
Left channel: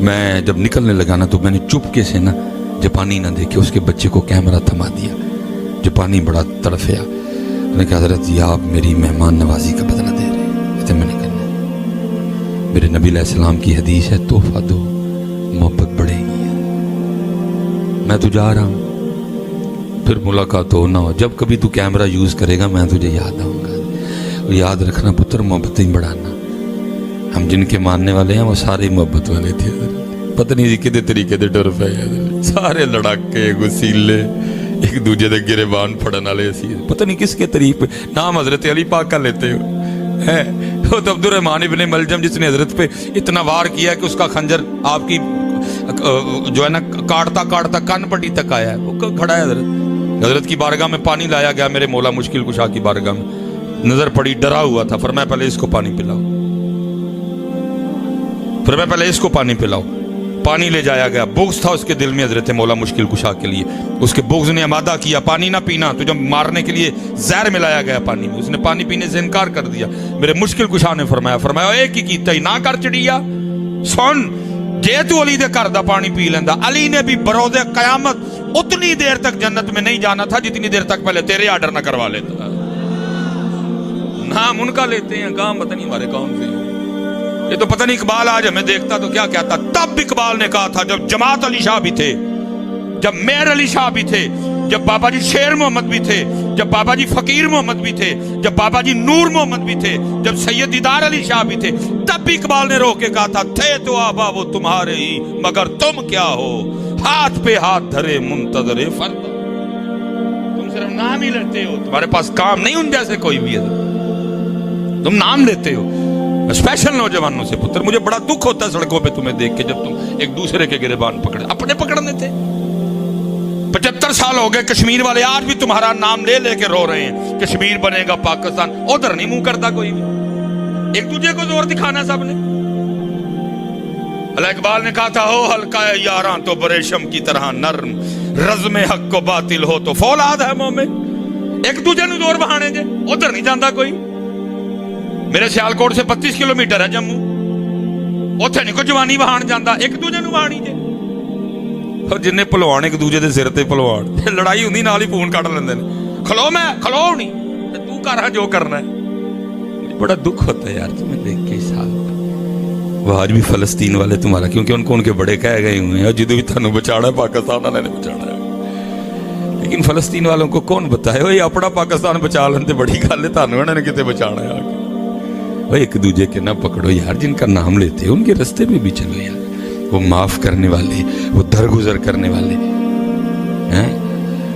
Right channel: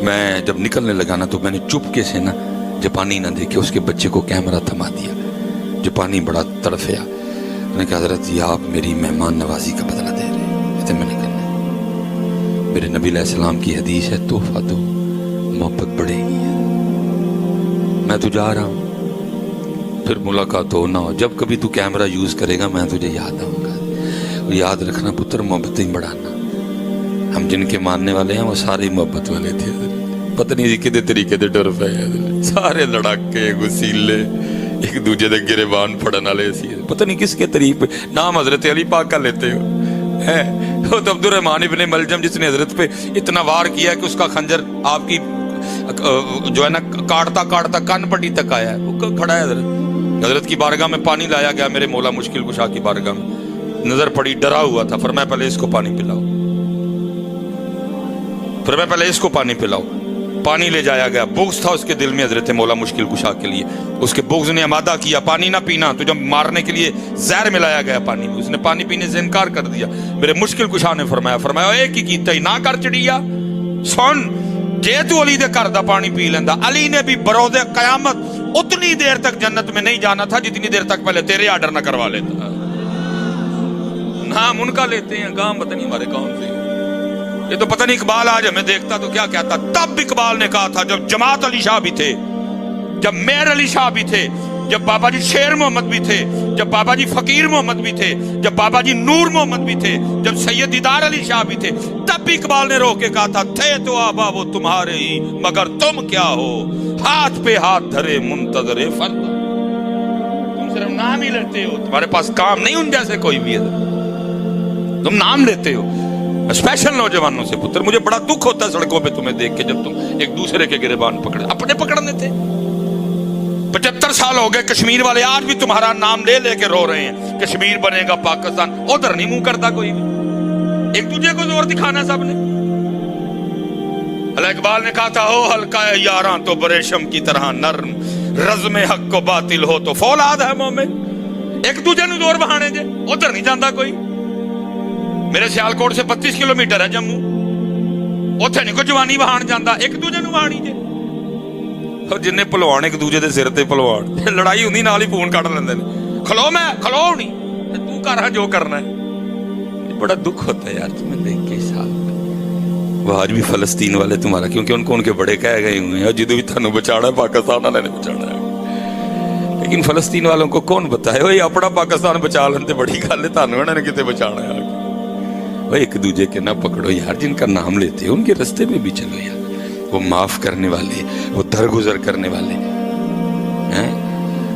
میں جب نکلنے لگا نا تو میں نے چپکے سے نا جاپانی نہ دیکھے اس کے بچے کو کیمرہ تھما دیا. جاپانی بڑا تڑفیا. میں نے کہا حضرت یہ آپ میری مہمان نوازی کا بدلہ دے رہے ہیں. کہتے میں نے کہنا میرے نبی علیہ السلام کی حدیث ہے تحفہ دو محبت بڑھے گی. میں تو جا رہا ہوں, پھر ملاقات ہو نہ ہو, جب کبھی تو کیمرہ یوز کرے گا میں تجھے یاد آؤں گا. یاد رکھنا پتر محبتیں بڑھانا. ہم جن کے ماننے والے ہیں وہ سارے محبت والے تھے. پتہ نہیں کدے طریقے دے ڈر پے سارے لڑاکے گسیلے ایک دوجے دے گریبان پھڑن والے سی. پتہ نہیں کس کے طریقے نام حضرت علی پاک کا لیتے ہو. وہ تو عبد الرحمن ابن ملجم جس نے حضرت پہ اتنا وار کیا کہ اس کا خنجر آپ کی جو ہے نا کاٹتا کاٹتا کان پٹی تک آیا ہے. وہ کھڑا ہے حضرت کی بارگاہ میں پانی لایا گیا. میرے مولا مشکل کشا کی بارگاہ میں نظر پڑی, ڈرا ہوا تھا. فرمایا پہلے اس کو پانی پلاؤ, فرمایا پہلے اس کو پانی پلاؤ. پانی لے جایا گیا. بغض تھا اس کے دل میں حضرت مولا مشکل کشا کے لیے. اس کے بغض نے آمادہ کیا پانی نہ پینا. تو جب مارنے کے لیے زہر ملایا گیا پانی میں, اس نے پانی پینے سے انکار کر دیا. میرے مشکل کشا نے فرمایا ایک ہی کیتا ہی نہ کر چڑیا. سن جے تو علی دے کر دا پانی پی لیندا. علی نے بھی بروز قیامت اتنی دیر تک جنت میں نہیں جانا تھا جتنی دیر تک پہلے تیرے آرڈر نہ کروا لیتا. نام ان کا لیتے ہیں, گام پتہ نہیں ہمارے کون سے. یہ تو پتہ نہیں اقبال آج ہمیں دیکھتا تو کیا کہتا. تب اقبال نے کہا تھا جب جماعت علی شاہ بھی تھے, جب میر علی شاہ بھی تھے, جب بابا جی شیر محمد بھی تھے, جب بابا جی فقیر محمد بھی تھے, جب بابا جی نور محمد بھی تھے, جب سید دیدار علی شاہ بھی تھے, تب بھی اقبال نے رو کے کہا تھا تھے تو آبا وہ تمہارے ہی مگر تم کیا ہو, ہاتھ پہ ہاتھ دھرے منتظر فردا. تم صرف نام ہی لیتے ہو, تمہارے پاس کام نہیں ان جیسے کوئی بھی ہے. تم نام لیتے ہو اسپیشل نوجوانوں سے. پتر مجھے بڑا دکھ ہوتا ہے سڑکوں پہ تمہیں دیکھ کے جب تم ایک دوسرے کے گریبان پکڑے. اپنے پکڑنے تھے. 75 سال ہو گئے کشمیر والے آج بھی تمہارا نام لے لے کے رو رہے ہیں کشمیر بنے گا پاکستان. ادھر نہیں منہ کرتا کوئی بھی. ایک دوسرے کو زور دکھانا سب نے. اللہ اقبال نے کہا تھا ہو ہلکا ہے یاراں تو بریشم کی طرح نرم, رزم حق کو باطل ہو تو فولاد ہے مومن. ایک دوسرے نو زور بہانے جے, ادھر نہیں جاندہ کوئی. میرے سیالکوٹ سے 32 کلومیٹر ہے جموں, اتنے نہیں کوئی جوانی بہان جاندہ, ایک دوجے نو بہانی جے. اور جنہیں پلوان ایک دوجے دے سرتے پلوان, لڑائی ہوندی نال ہی فون کاٹ لیندے نے. کھلو میں کھلو نہیں تو کر رہا جو کرنا ہے. بڑا دکھ ہوتا ہے یار تمہیں دیکھ کے سال. وہ آج بھی فلسطین والے تمہارا, کیونکہ ان کو ان کے بڑے کہہ گئے ہوئے ہیں اور جدو بھی تھانو بچانا ہے پاکستان والے نے بچانا ہے. لیکن فلسطین والوں کو کون بتائے وہ اپنا پاکستان بچا لیندے بڑی گل ہے, تھانو انہوں نے کتے بچانا ہے. آگے وہ ایک دوجے کے نہ پکڑو یار, جن کا نام لیتے ہیں ان کے رستے میں بھی چلو یار. وہ معاف کرنے والے, وہ درگزر کرنے والے ہیں.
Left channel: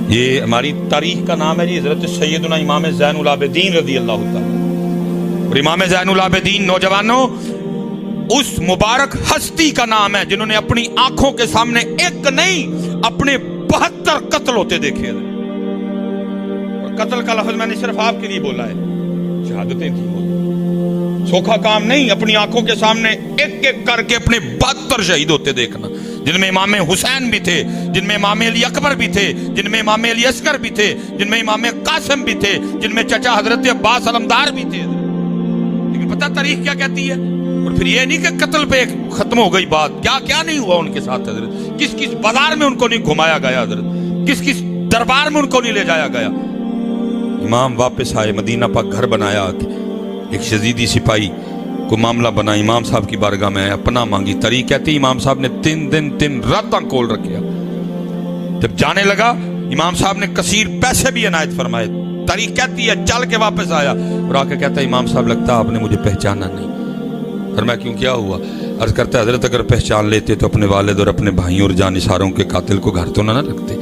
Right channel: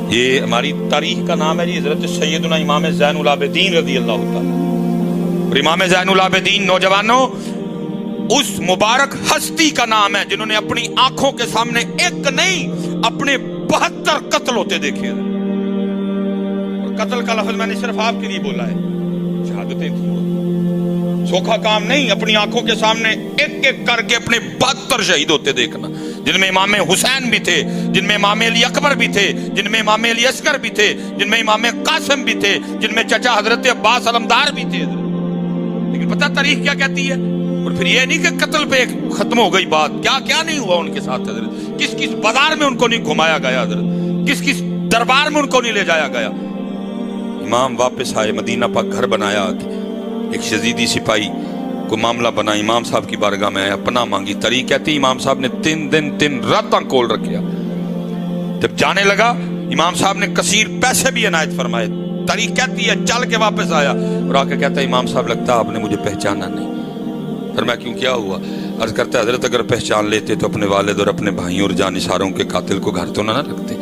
یہ ہماری تاریخ کا نام ہے جی حضرت سیدنا امام زین العابدین رضی اللہ تعالیٰ. اور امام زین العابدین نوجوانوں اس مبارک ہستی کا نام ہے جنہوں نے اپنی آنکھوں کے سامنے ایک نہیں اپنے 72 قتل ہوتے دیکھے. اور قتل کا لفظ میں نے صرف آپ کے لیے بولا ہے, شہادتیں تھی. سوکھا کام نہیں, اپنی آنکھوں کے سامنے ایک ایک کر کے اپنے 72 شہید ہوتے دیکھنا, جن میں امام حسین بھی تھے, جن میں امام علی اکبر بھی تھے, جن میں امام علی اصغر بھی تھے, جن میں امام قاسم بھی تھے, جن میں چچا حضرت عباس علمدار بھی تھے. لیکن پتہ تاریخ کیا کہتی ہے. اور پھر یہ نہیں کہ قتل پہ ختم ہو گئی بات, کیا کیا نہیں ہوا ان کے ساتھ حضرت. کس کس بازار میں ان کو نہیں گھمایا گیا حضرت, کس کس دربار میں ان کو نہیں لے جایا گیا. امام واپس آئے, مدینہ پاک گھر بنایا. ایک یزیدی سپاہی کو معاملہ بنا, امام صاحب کی بارگاہ میں آیا, پناہ مانگی. تاریخ کہتی امام صاحب نے 3 دن 3 راتاں کول رکھیا. جب جانے لگا امام صاحب نے کثیر پیسے بھی عنایت فرمائے. تاریخ کہتی ہے چل کے واپس آیا اور آ کے کہتا ہے امام صاحب لگتا آپ نے مجھے پہچانا نہیں. فرمایا کیوں کیا ہوا؟ عرض کرتا ہے حضرت اگر پہچان لیتے تو اپنے والد اور اپنے بھائیوں اور جانثاروں کے قاتل کو گھر تو نہ رکھتے,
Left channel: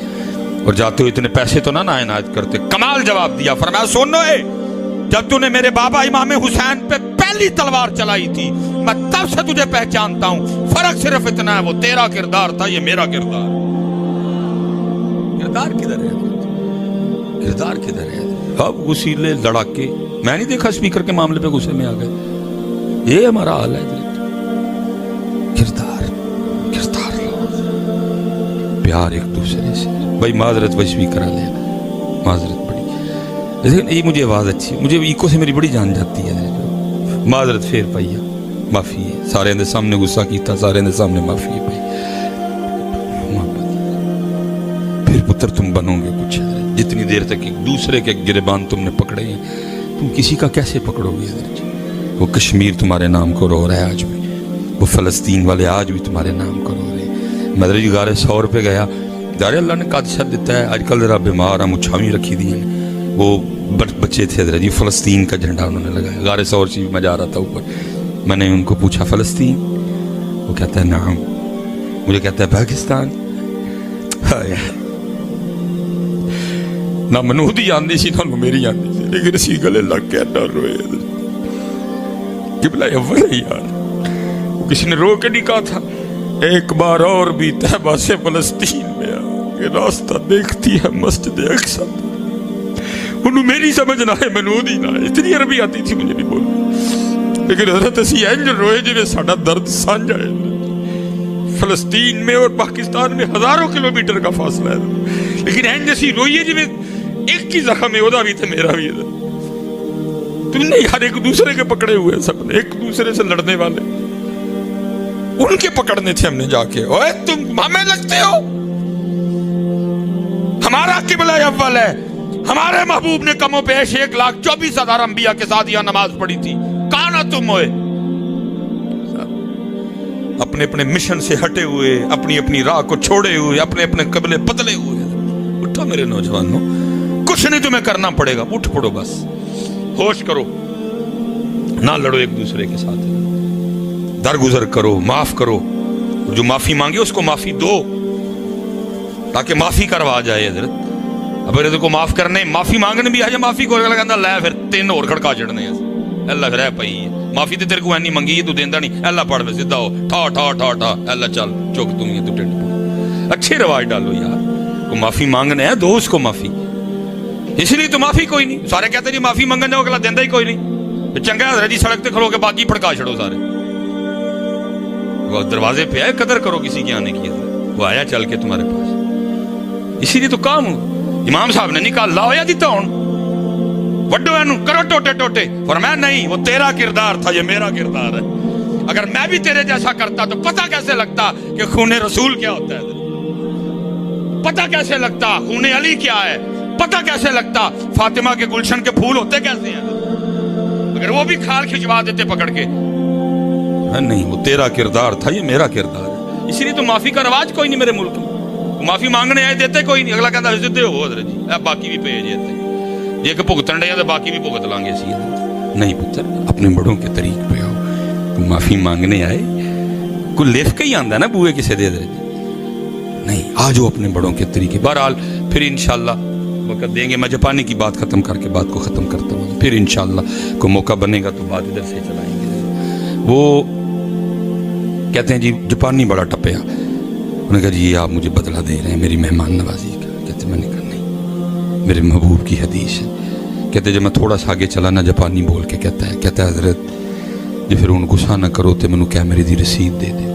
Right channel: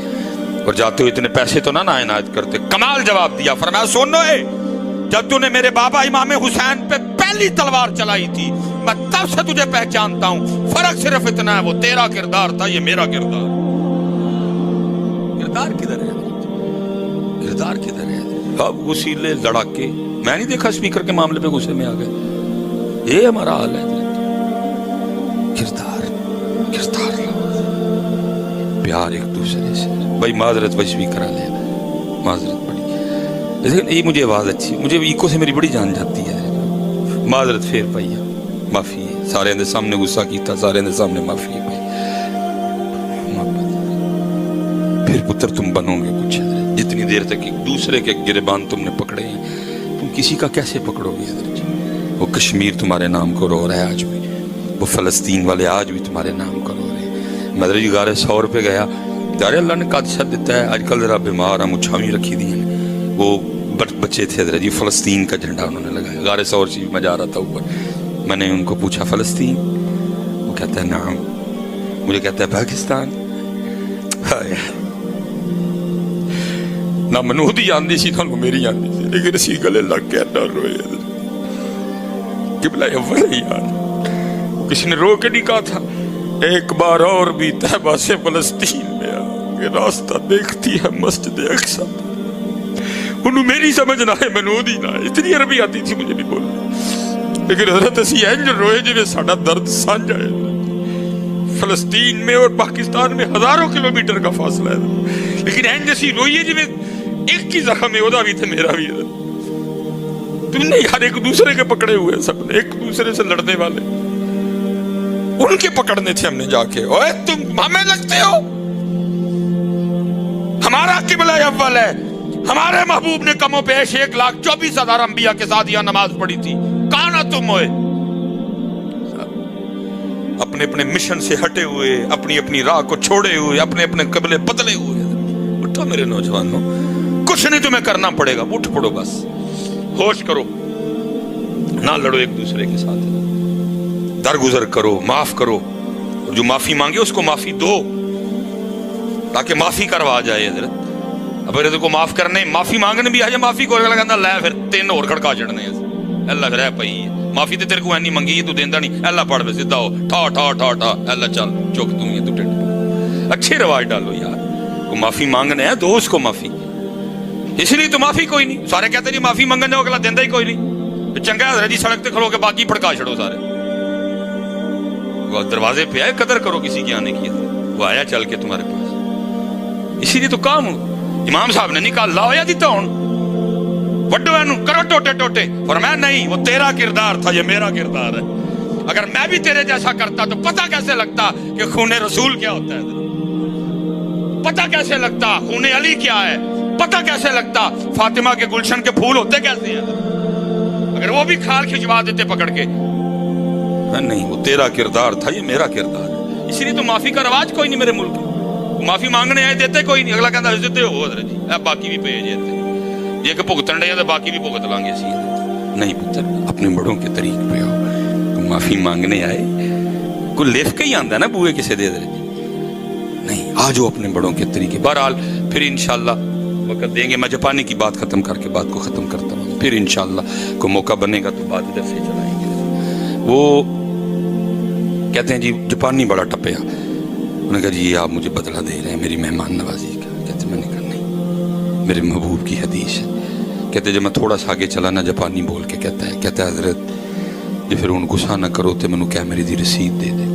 اور جاتے ہوئے اتنے پیسے تو نہ عنایت کرتے. کمال جواب دیا. فرمایا سنو اے, جب تو نے میرے بابا امام حسین پہ پہلی تلوار چلائی تھی میں تب سے تجھے پہچانتا ہوں. فرق صرف اتنا ہے, وہ تیرا کردار تھا, یہ میرا کردار. کردار کدھر ہے؟ کردار کدھر ہے؟ اب غسیلے لڑاکے, میں نہیں دیکھا اسپیکر کے معاملے پہ غصے میں آ گئے. یہ ہمارا حال ہے. کردار کردار پیار ایک دوسرے سے. بھائی معذرت, بھائی اسپیکر آ لیا, معذرت. لیکن یہ مجھے آواز اچھی، مجھے ایکو سے میری بڑی جان جاتی ہے. معذرت پھر پائی ہے، معافی ہے، سارے دے سامنے غصہ کیتا، سارے دے سامنے معافی ہے. پھر پتر تم بنو گے کچھ. جتنی دیر تک ایک دوسرے کے گریبان تم نے پکڑے ہیں، تم کسی کا کیسے پکڑو گے؟ وہ کشمیر تمہارے نام کو رو رہا ہے آج بھی، وہ فلسطین والے آج بھی تمہارے نام کو رو رہے ہیں. مدر جی گارے 100 روپے گیا، دارے اللہ نے قادشت دیتا ہے. آج کل ذرا بیمار ہیں، مچھاویں رکھی دی ہیں. وہ بچے تھے حضرت جی، فلسطین کا جھنڈا انہوں نے لگایا. غار ثور سے میں جا رہا تھا اوپر، میں نے ان کو پوچھا فلسطین؟ وہ کہتا ہے نعم. مجھے کہتا ہے پاکستان. نہ منودی آندی سی نہ میری آندی سی، لیکن اسی گلے لگ کے نہ روئے. قبلہ اول ہے یار. وہ کسی نے رو کے نہیں کہا تھا ایک بار اور بھی طیبہ سے فلسطین میں آ کے راستہ دیکھتی ہے مسجد اقصی. انہوں میری سمجھ نہ ہے، منودی نہ ہے. اتنی عربی آتی تھی مجھے نہیں بولنا، لیکن حضرت اسی اینج روئے جنہیں ساڑھا درد سانجا ہے. فلسطین میں اور پاکستان میں ہزاروں کلومیٹر کا فاصلہ ہے، لیکن اینج اسی روئیے جنہیں ایک کی زخم ہے، ادا بھی تھے میرا بھی. تم نے یار ایک دوسرے کے پکڑے ہوئے، سب نے ایک دوسرے سے لڑنے والے، ان کے پکڑنے تھے ہم نے جا کے. اوے تم ہمیں لگتے ہو، ہمارا قبلہ اول ہے. ہمارے محبوب نے کم و بیش 1,24,000 انبیاء کے ساتھ یہ نماز پڑھی تھی. کہاں نہ تم ہوئے؟ اپنے اپنے مشن سے ہٹے ہوئے، اپنی اپنی راہ کو چھوڑے ہوئے، اپنے اپنے قبلے بدلے ہوئے. اٹھو میرے نوجوانوں، کچھ نہیں تمہیں کرنا پڑے گا، اٹھ پڑو، بس ہوش کرو، نہ لڑو ایک دوسرے کے ساتھ، درگزر کرو، معاف کرو. جو معافی مانگے اس کو معافی دو تاکہ معافی کروا جائے. حضرت اب اگر کو معاف کرنے معافی مانگنے بھی آجائے، معافی کو کہتا لے پھر 3 اور کھڑکا چڑھنے ہیں. اللہ پھر ہے پئی ہے معافی تے تیرے کو اینی منگی ہے تو دیندہ نہیں. اللہ پڑھ پہ سدھا ہو، ٹھا ٹھا ٹھا ٹھا، اللہ چل چک تم یہ تو ٹنڈ پڑ. اچھے رواج ڈالو یار. کو معافی مانگنے ہے دو اس کو معافی. اس لیے تو معافی کوئی نہیں. سارے کہتے ہیں جی معافی منگن جاؤ، اگلا دیندہ ہی کوئی نہیں. چنگا حضرت جی سڑک تے کھڑو کے باقی پھڑکا چھڑو سارے. وہ دروازے پہ آئے، قدر کرو کسی کے آنے کی. وہ آیا چل کے تمہارے پاس. اسی لیے تو کام امام صاحب نے نہیں کہا لاؤ یا دیتا ہوں وڈو اینو کرو ٹوٹے ٹوٹے. فرمایا نہیں، وہ تیرا کردار تھا، یہ میرا کردار ہے. اگر میں بھی تیرے جیسا کرتا تو پتہ کیسے لگتا کہ خون رسول کیا ہوتا ہے، پتہ کیسے لگتا خون علی کیا ہے، پتہ کیسے لگتا فاطمہ کے گلشن کے پھول ہوتے کیسے ہیں. اگر وہ بھی کھال کھچوا دیتے پکڑ کے. نہیں، وہ تیرا کردار تھا، یہ میرا کردار ہے. اسی لیے تو معافی کا رواج کوئی نہیں میرے ملک میں. معافی مانگنے آئے دیتے کوئی نہیں. اگلا کہتا ہے حضرت ہو حضرت جی باقی بھی پہ جاتے یہ کہ بھگتن رہے تو باقی بھی بھگت لیں گے. اسی نہیں پتر، اپنے بڑوں کے طریق پہ آؤ. معافی مانگنے آئے کوئی لکھ کے ہی آندا ہے نا بوئے کسے دے دے نہیں، آ جاؤ اپنے بڑوں کے طریقے. بہرحال پھر انشاءاللہ وقت دیں گے. میں جاپانی کی بات ختم کر کے بات کو ختم کرتا ہوں. پھر انشاءاللہ کوئی موقع بنے گا تو بات ادھر سے چلائیں گے. وہ کہتے ہیں جی جاپانی بڑا ٹپیا. انہوں نے کہا جی آپ مجھے بدلہ دے رہے ہیں میری مہمان نوازی کا. کہتے میں نے کہا نہیں، میرے محبوب کی حدیث ہے. کہتے جب میں تھوڑا سا آگے چلا نا جاپانی بول کے کہتا ہے حضرت جی پھر ان غصہ نہ کرو تو منو کیمرے دی رسید دے دے.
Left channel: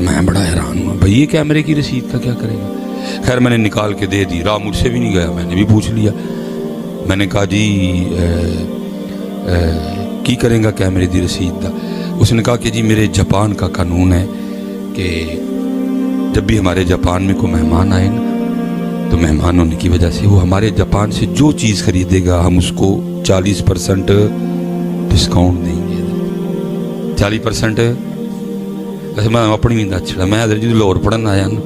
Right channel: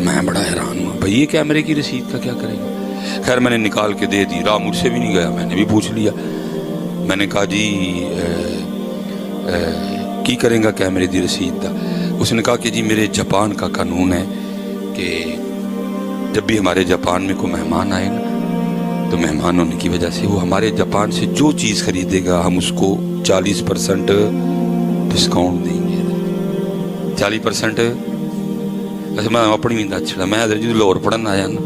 میں بڑا حیران ہوا، بھائی یہ کیمرے کی رسید کا کیا کرے گا. خیر میں نے نکال کے دے دی. راہ مجھ سے بھی نہیں گیا، میں نے بھی پوچھ لیا. میں نے کہا جی کی کریں گا کیمرے دی رسید دا. اس نے کہا کہ جی میرے جاپان کا قانون ہے کہ جب بھی ہمارے جاپان میں کوئی مہمان آئے نا تو مہمان ہونے کی وجہ سے وہ ہمارے جاپان سے جو چیز خریدے گا ہم اس کو 40% ڈسکاؤنٹ دیں گے. 40%. ویسے میں اپنی بھی دس چھڑا. میں حضرت جی لاہور پڑھن آیا نا،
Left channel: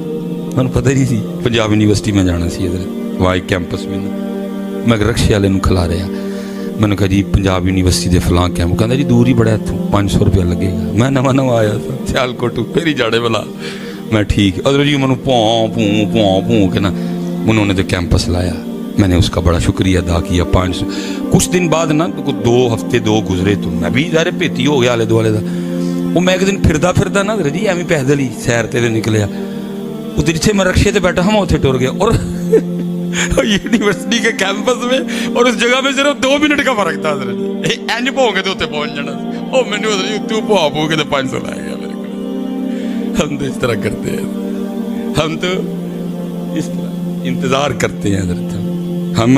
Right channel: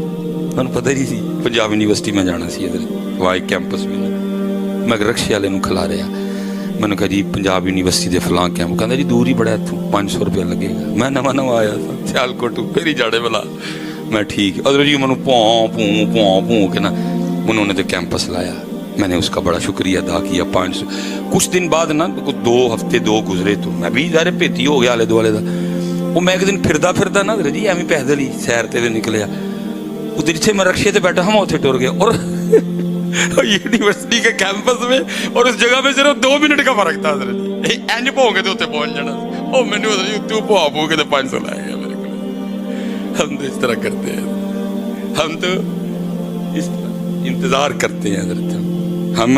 میں نے پتہ ہی سی پنجاب یونیورسٹی میں جانا سی. حضرت وہاں ایک کیمپس میں نا میں رکشے والے نوں کھلا رہا. میں نے کہا جی پنجاب یونیورسٹی دے فلاں کیمپ. کہتا جی دور ہی بڑا اتوں 500 روپیہ لگے گا. میں نواں آیا تھا سیالکوٹ پھر ہی جاڑے والا. میں ٹھیک. حضرت جی منو پوں کے نا انہوں نے تو کیمپس لایا. میں نے اس کا بڑا شکریہ ادا کیا. 500 کچھ دن بعد نا 2 ہفتے گزرے تو میں بھی ظاہر پیتی ہو گیا آلے دوالے دا. وہ میں ایک دن پھردا نا حضرت جی ایویں پیدل ہی سیر تے نکلیا. وہ جتھے میں رکشے تے بیٹھا ہم اتنے ٹر گیا اور یونیورسٹی کے کیمپس میں اور اس جگہ میں صرف 2 منٹ کا فرق تھا. حضرت جی اینج پو کے تو اتنے پہنچ جانا. اور میں نے حضرت جی تو پو کے 500 لایا گیا میرے کو. ہم تو اس طرح کرتے ہیں، ہم تو اس طرح انتظار کرتے ہیں حضرت. ہم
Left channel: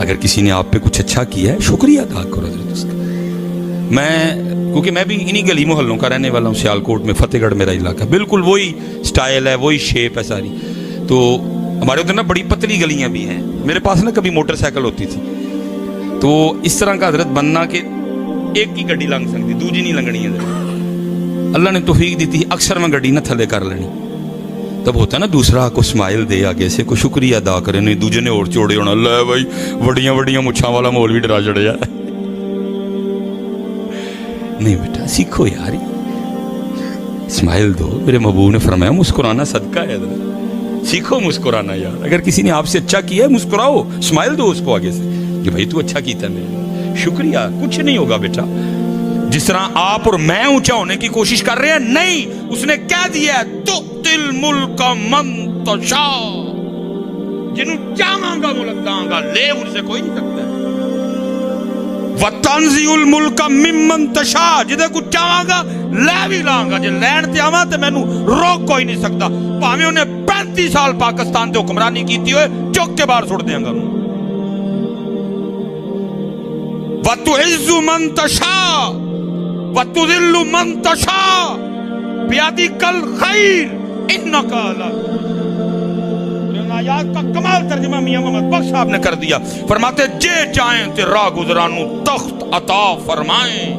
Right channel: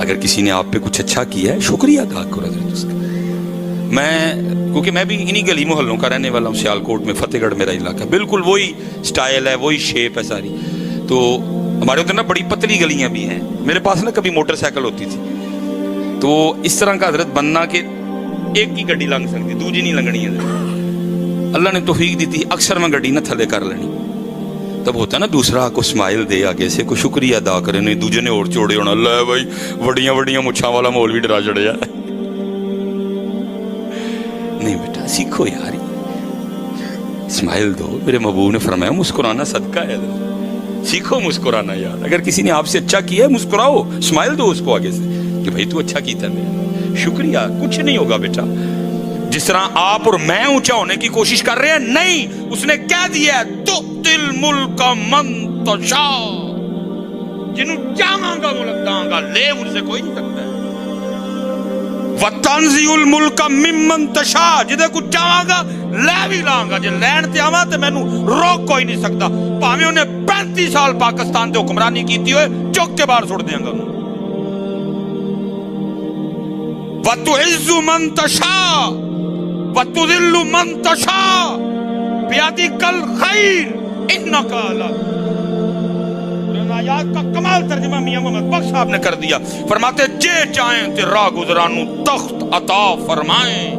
اگر کسی نے آپ پہ کچھ اچھا کیا ہے شکریہ ادا کرو حضرت اس کا. کیونکہ میں بھی انہی گلی محلوں کا رہنے والا ہوں, سیالکوٹ میں, فتح گڑھ میرا علاقہ, بالکل وہی سٹائل ہے, وہی شیپ ہے ساری. تو ہمارے ادھر نا بڑی پتلی گلیاں بھی ہیں. میرے پاس نا کبھی موٹر سائیکل ہوتی تھی, تو اس طرح کا حضرت بننا کہ ایک کی گڈی لنگ سکتی, دوجی نہیں لنگنی ہے. اللہ نے توفیق دی تھی, اکثر میں گڈی نہ تھلے کر لینی. تب ہوتا نا دوسرا کو سمائل دے آگے سے, کوئی شکریہ ادا کرے, نہیں دوجے نے اور چوڑے ہونا, اللہ بھائی وڈیاں وڈیاں مچھاں والا مول بھی ڈرا چڑھیا. نہیں بیٹا سیکھو یار, اسمائل دو. میرے محبوب نے فرمایا مسکرانا صدقہ ہے, سیکھو مسکرانا یار. اگر کسی نے آپ سے اچھا کیا ہے مسکراؤ, اسمائل دو اس کو آگے سے کہ بھائی تو اچھا کیتا ہے میرا, شکریہ. کچھ نہیں ہوگا بیٹا. جس طرح آپ اور میں اونچا ہونے کی کوشش کر رہے ہیں, نہیں, اس نے کہہ دیا تؤتی الملک من تشاء, جنوں چاہاں گا ملک داں گا, لے ان سے کوئی نہیں سکتا ہے. وَتَنزِعُ الْمُلْكَ مِمَّن تَشَاءُ, جدے کو چاہاں گا لے بھی لاں گا. جے لین تے آواں تے مینوں روک کوئی نہیں سکتا, بھاویں انہیں 35 سال پاکستان تے حکمرانی کیتی ہوئے, چک کے باہر چھوڑ دیاں گا. وَتُعِزُّ مَن تَشَاءُ وَتُذِلُّ مَن تَشَاءُ بِيَدِكَ الْخَيْرُ إِنَّكَ عَلَىٰ. آیات کا کمال ترجمہ میاں محمد بخش صاحب نے کر دیا. فرماتے جے چاہیں تے راہ گزرانو تخت عطا فرمائیں,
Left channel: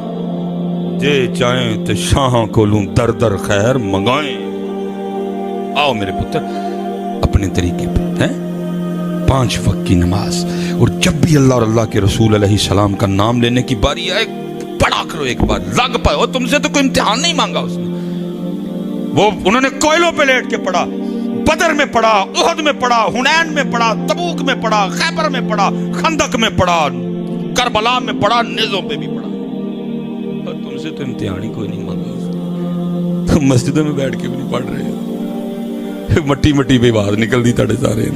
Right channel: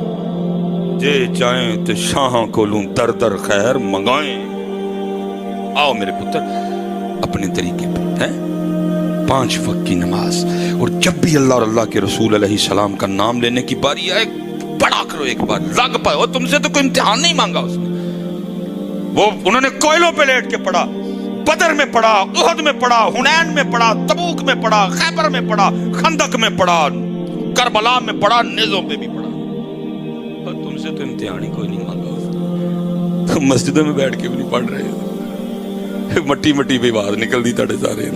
جے چاہیں تے شاہاں کولوں در در خیر منگائیں. آؤ میرے پتر اپنے طریقے پہ ہیں, 5 وقت کی نماز, اور جب بھی اللہ اور اللہ کے رسول علیہ السلام کا نام لینے کی باری آئے پڑھا کرو ایک بار, لگ پائے. اور تم سے تو کوئی امتحان نہیں مانگا اس نے. وہ انہوں نے کوئلوں پہ لیٹ کے پڑھا, بدر میں پڑھا, احد میں پڑھا, حنین میں پڑھا, تبوک میں پڑھا, خیبر میں پڑھا, خندق میں پڑھا, کربلا میں پڑھا, نیزوں پہ بھی پڑھا. اور تم سے تو امتحان ہی کوئی نہیں مانگا اس نے. تم مسجدوں میں بیٹھ کے بھی نہیں پڑھ رہے, مٹی مٹی پہ آواز نکل دی تھے سارے.